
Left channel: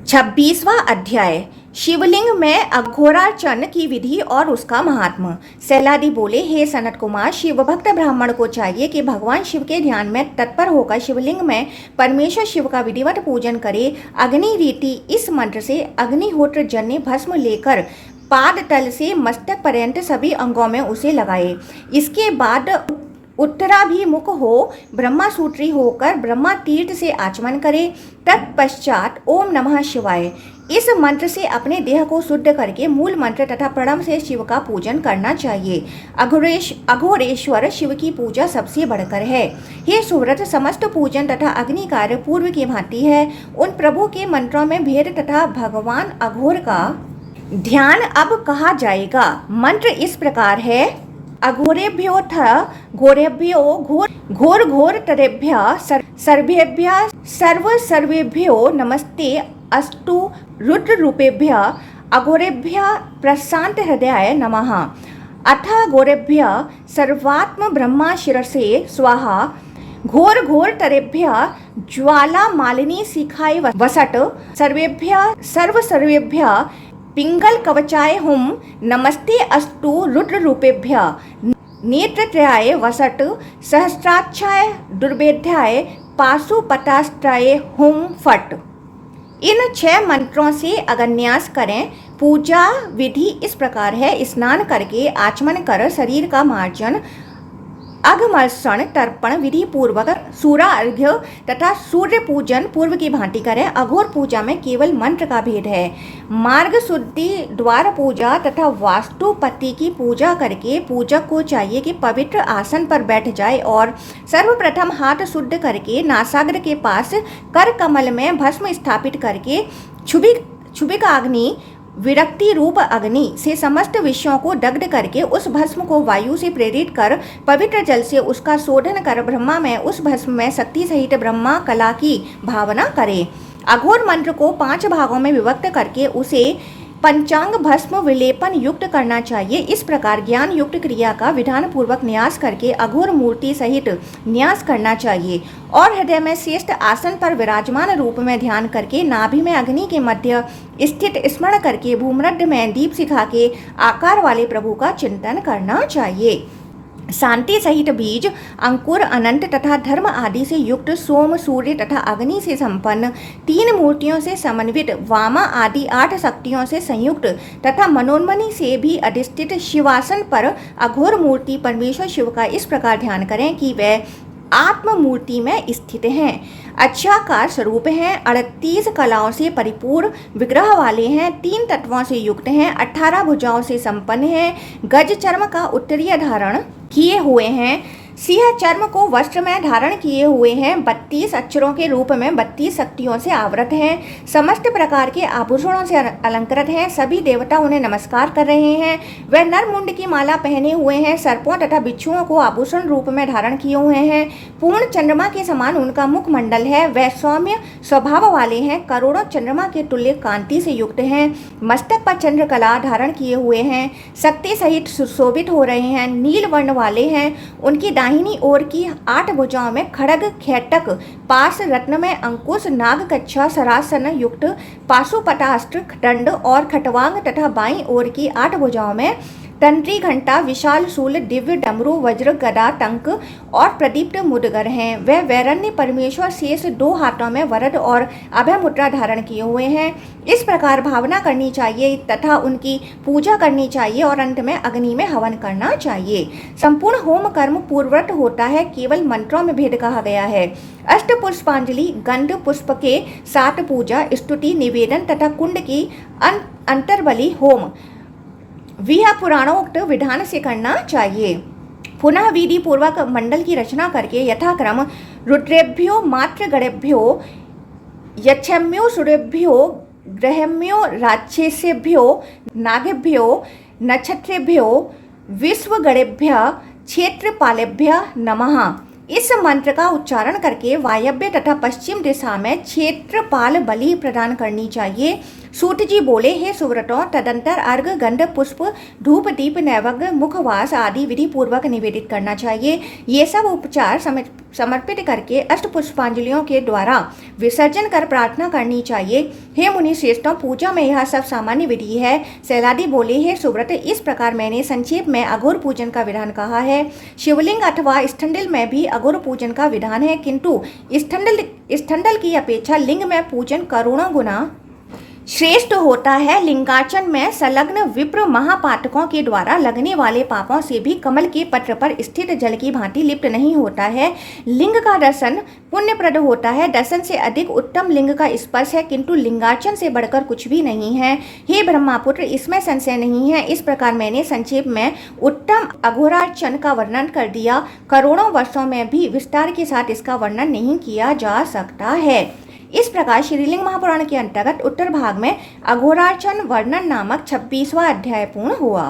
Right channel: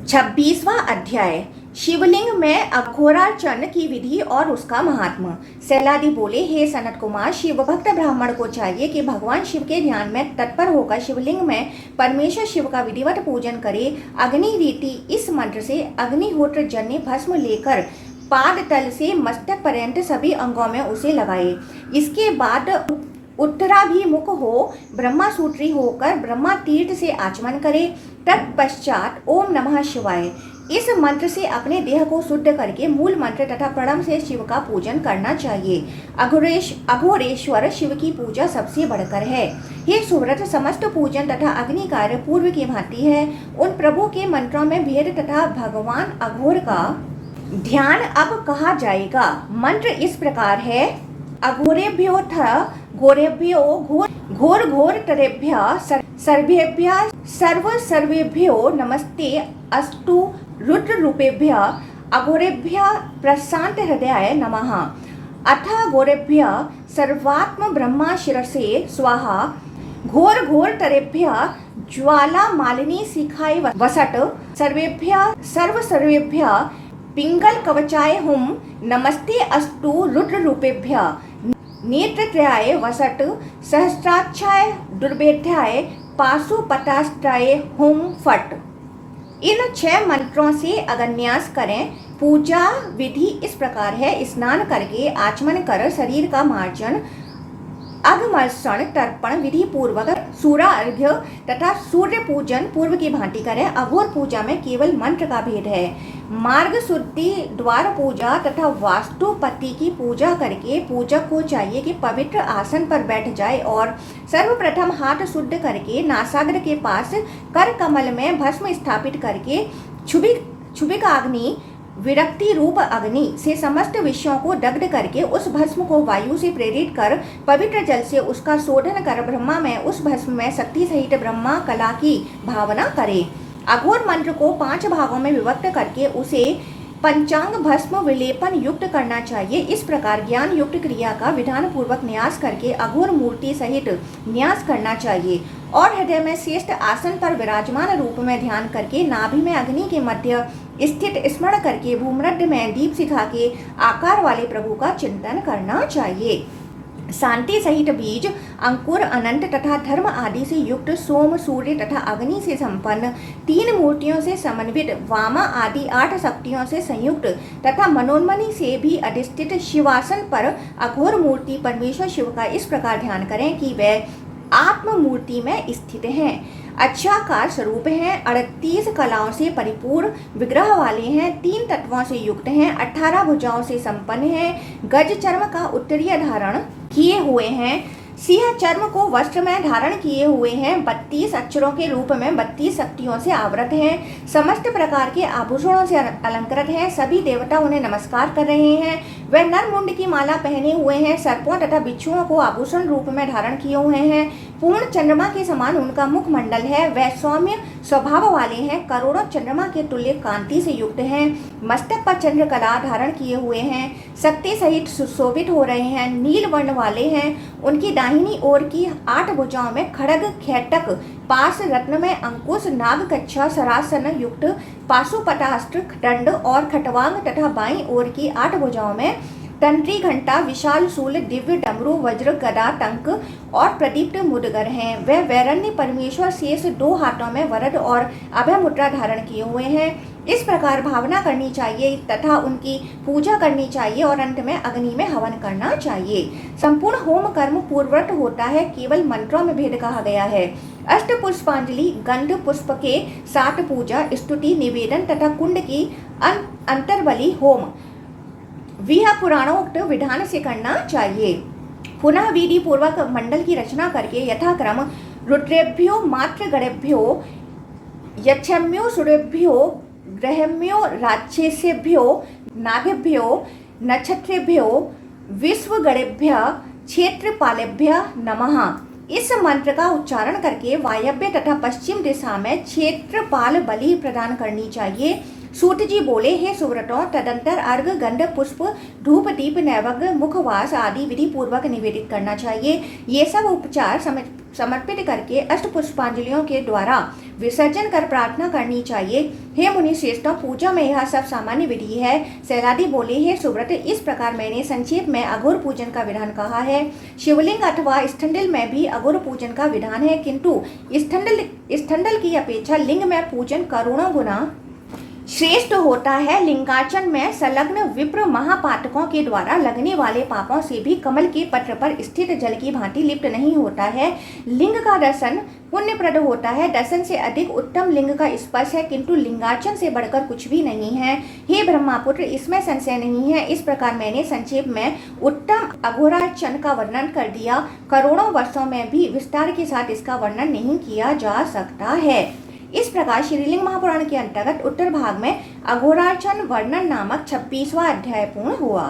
26वां अध्याय शिवलिंग में अघोरार्चन की विधि और उसका महात्म। सैलादी बोले, हे सनत कुमार, शिव भक्त ब्राह्मण को चाहिए कि भगवान शिव के ध्यान में तत्पर होकर शिवलिंग में परमेश्वर शिव का विधिवत पूजन करे। अग्नि रीति इस मंत्र से अग्निहोत्र जन्य भस्म लेकर पाद तल से मस्तक पर्यंत सभी अंगों में उसे लगाए। इसके बाद उत्तराभिमुख हो ब्रह्मा सूत्री होकर ब्रह्मा तीर्थ से आचमन करे। तत्पश्चात ओम नमः शिवाय इस मंत्र से अपने देह को शुद्ध करके मूल मंत्र तथा प्रणव से शिव का पूजन करना चाहिए। अघोरेश्वर शिव की पूजा सबसे बढ़कर है। ये सुव्रत समस्त पूजन तथा अग्नि कार्य पूर्व की भांति है। उन प्रभु के मंत्रों में भेद तथा भगवान अघोर का ध्यान अब कहा जाएगा। मंत्र इस प्रकार है, अघोरेभ्यो घोरेभ्यो घोर घोर तरेभ्य सर्वेभ्य सर्वेभ्यो नमस्ते अस्तु रुद्र रूपेभ्य अघोरेभ्य प्रशांत हृदयाय नमः। अथ घोरेभ्य सर्वात्म ब्रह्मा शिरसे स्वाहा। घोर घोर तरेभ्य ज्वाला मालिनी शिखाय वसट। सर्वेभ्य पिंगल कवचाय हुम नमस्ते अस्तु रुद्र रूपेभ्य नेत्रत्रयाय वसट। सहस्राक्षाय दुर्भेद्याय पाशुपतास्त्राय हुम फट। इन 6 मंत्रों से अगन्यास करें। पूजा विधि इस प्रकार है, स्नान करके आचमन कर शरीर का मार्जन, अघमर्षण तर्पण विधि पूर्वक सूर्य अर्घ्य तथा सूर्य पूजन पूर्व की भांति करें। अघोर पूजा में केवल मंत्र का भेद है। मार्ग शुद्धि, द्वार पूजा तथा वास्तुपति की पूजा करके पूजक को चाहिए कि पवित्र आसन पर बैठ जाए और सर्वप्रथम हाथ शुद्ध करके नासाग्र के पास कर कमल में भस्म स्थापित करके क्षुभिकाग्नि विरक्ति रूप अग्नि से समस्त विषयों को दग्ध करके उस भस्म को वायु से प्रेरित कर पवित्र जल से उसका शोधन कर ब्रह्मा में उस भस्म में शक्ति सहित ब्रह्मा कला की भावना करे। अघोर मंत्र को 5 भागों में विभक्त करके उसे पंचांग भस्म विलेपन युक्त करना चाहिए। इस प्रकार ज्ञान युक्त क्रिया का विधान पूर्वक न्यास करके अघोर मूर्ति सहित न्यास करना चाहिए और हृदय में श्रेष्ठ आसन पर विराजमान रूप में ध्यान करके नाभि में अग्नि के मध्य स्थित स्मरण करके भूमध्य में दीप शिखा के आकार वाले प्रभु का चिंतन करना चाहिए। शांति सहित बीज, अंकुर, अनंत तथा धर्म आदि से युक्त सोम, सूर्य तथा अग्नि से संपन्न 3 मूर्तियों से समन्वित वामा आदि 8 शक्तियों से संयुक्त तथा मनोन्मणि से भी अधिष्ठित शिवासन पर अघोर मूर्ति परमेश्वर शिव का इस प्रकार ध्यान करें कि वह आत्म मूर्ति में स्थित हैं, अच्छाकार स्वरूप हैं, 38 कलाओं से परिपूर्ण विग्रह वाले हैं, 3 तत्वों से युक्त हैं, 18 भुजाओं से संपन्न हैं, गज चर्म का उत्तरीय धारण किए हुए हैं, सिंह चर्म को वस्त्र में धारण किए हुए हैं, 32 अक्षरों के रूप में 32 शक्तियों से आवृत हैं, समस्त प्रकार के आभूषणों से अलंकृत हैं, सभी देवता उन्हें नमस्कार कर रहे हैं। वह नर मुंड की माला पहने हुए हैं, सर्पों तथा बिच्छुओं को आभूषण रूप में धारण किए हुए हैं, पूर्ण चंद्रमा के समान उनका मुख मंडल है, वह सौम्य स्वभाव वाले हैं, करोड़ों चंद्रमा के तुल्य कांति से युक्त हैं, मस्तक पर चंद्र कला धारण किए हुए हैं, शक्ति सहित सुशोभित हो रहे हैं, नील वर्ण वाले हैं, उनकी दाहिनी ओर की 8 भुजाओं में खड़ग, खेटक, पास, रत्न में अंकुश, नाग कच्छा, सरासन युक्त पाशुपतास्त्र, दंड और खटवांग तथा बाईं ओर की 8 भुजाओं में तंत्री, घंटा, विशाल शूल, दिव्य डमरू, वज्र, गदा, टंक और प्रदीप्त मुदगर हैं। वह वैरण्य परमेश्वर शेष 2 हाथों में वरद और अभय मुद्रा धारण किए हुए हैं। इस प्रकार भावना करनी चाहिए तथा उनकी पूजा करनी चाहिए और अंत में अग्नि में हवन करना चाहिए। संपूर्ण होम कर्म पूर्ववत होता है, केवल मंत्रों में भेद कहा गया है। अष्ट पुष्पांजलि, गंध पुष्प के 7 पूजा, स्तुति, निवेदन तथा कुंड की अंतर्बली होम वह पुराणोक्त विधान से करना चाहिए। पुनः विधि पूर्वक मंडल की रचना करके यथाक्रम रुद्रेभ्यो, मात्र गणेभ्यो, यक्षम्यो, सूर्यभ्यो, ग्रहेम्यो, राक्षसेभ्यो, नागेभ्यो, नक्षत्रेभ्यो, विश्वगणेभ्य क्षेत्रपालेभ्य नमः। इस मंत्र का उच्चारण करके वायव्य तथा पश्चिम दिशा में क्षेत्रपाल बलि प्रदान करनी चाहिए। सूत जी बोले, हे सुव्रतों, तदंतर अर्घ, गंध, पुष्प, धूप, दीप, नैवेद्य, मुखवास आदि विधि पूर्वक निवेदित करना चाहिए। ये सब उपचार समर्पित करके अष्ट पुष्पांजलियों के द्वारा विसर्जन कर प्रार्थना करनी चाहिए। हे मुनि श्रेष्ठों, पूजा में यह सब सामान्य विधि है। सैलादी बोले, हे सुव्रत, इस प्रकार मैंने संक्षेप में अघोर पूजन का विधान कहा है। शिवलिंग अथवा स्थंडल में भी अघोर पूजन का विधान है, किंतु स्थंडल की अपेक्षा लिंग में पूजन करोड़ों गुना श्रेष्ठ होता है। लिंगार्चन में संलग्न विप्र महापातकों के द्वारा लगने वाले पापों से भी कमल के पत्र पर स्थित जल की भांति लिप्त नहीं होता है। लिंग का दर्शन पुण्यप्रद होता है। दर्शन से अधिक उत्तम लिंग का स्पर्श है, किंतु लिंगार्चन से बढ़कर कुछ भी नहीं है। हे ब्रह्मापुत्र, इसमें संशय नहीं है। इस प्रकार मैंने संक्षेप में उत्तम अघोरार्चन का वर्णन कर दिया। करोड़ों वर्षों में भी विस्तार के साथ इसका वर्णन नहीं किया जा सकता है। इस प्रकार श्रीलिंग महापुराण के अंतर्गत उत्तर भाग में अघोरार्चन वर्णन नामक 26वां अध्याय पूर्ण हुआ।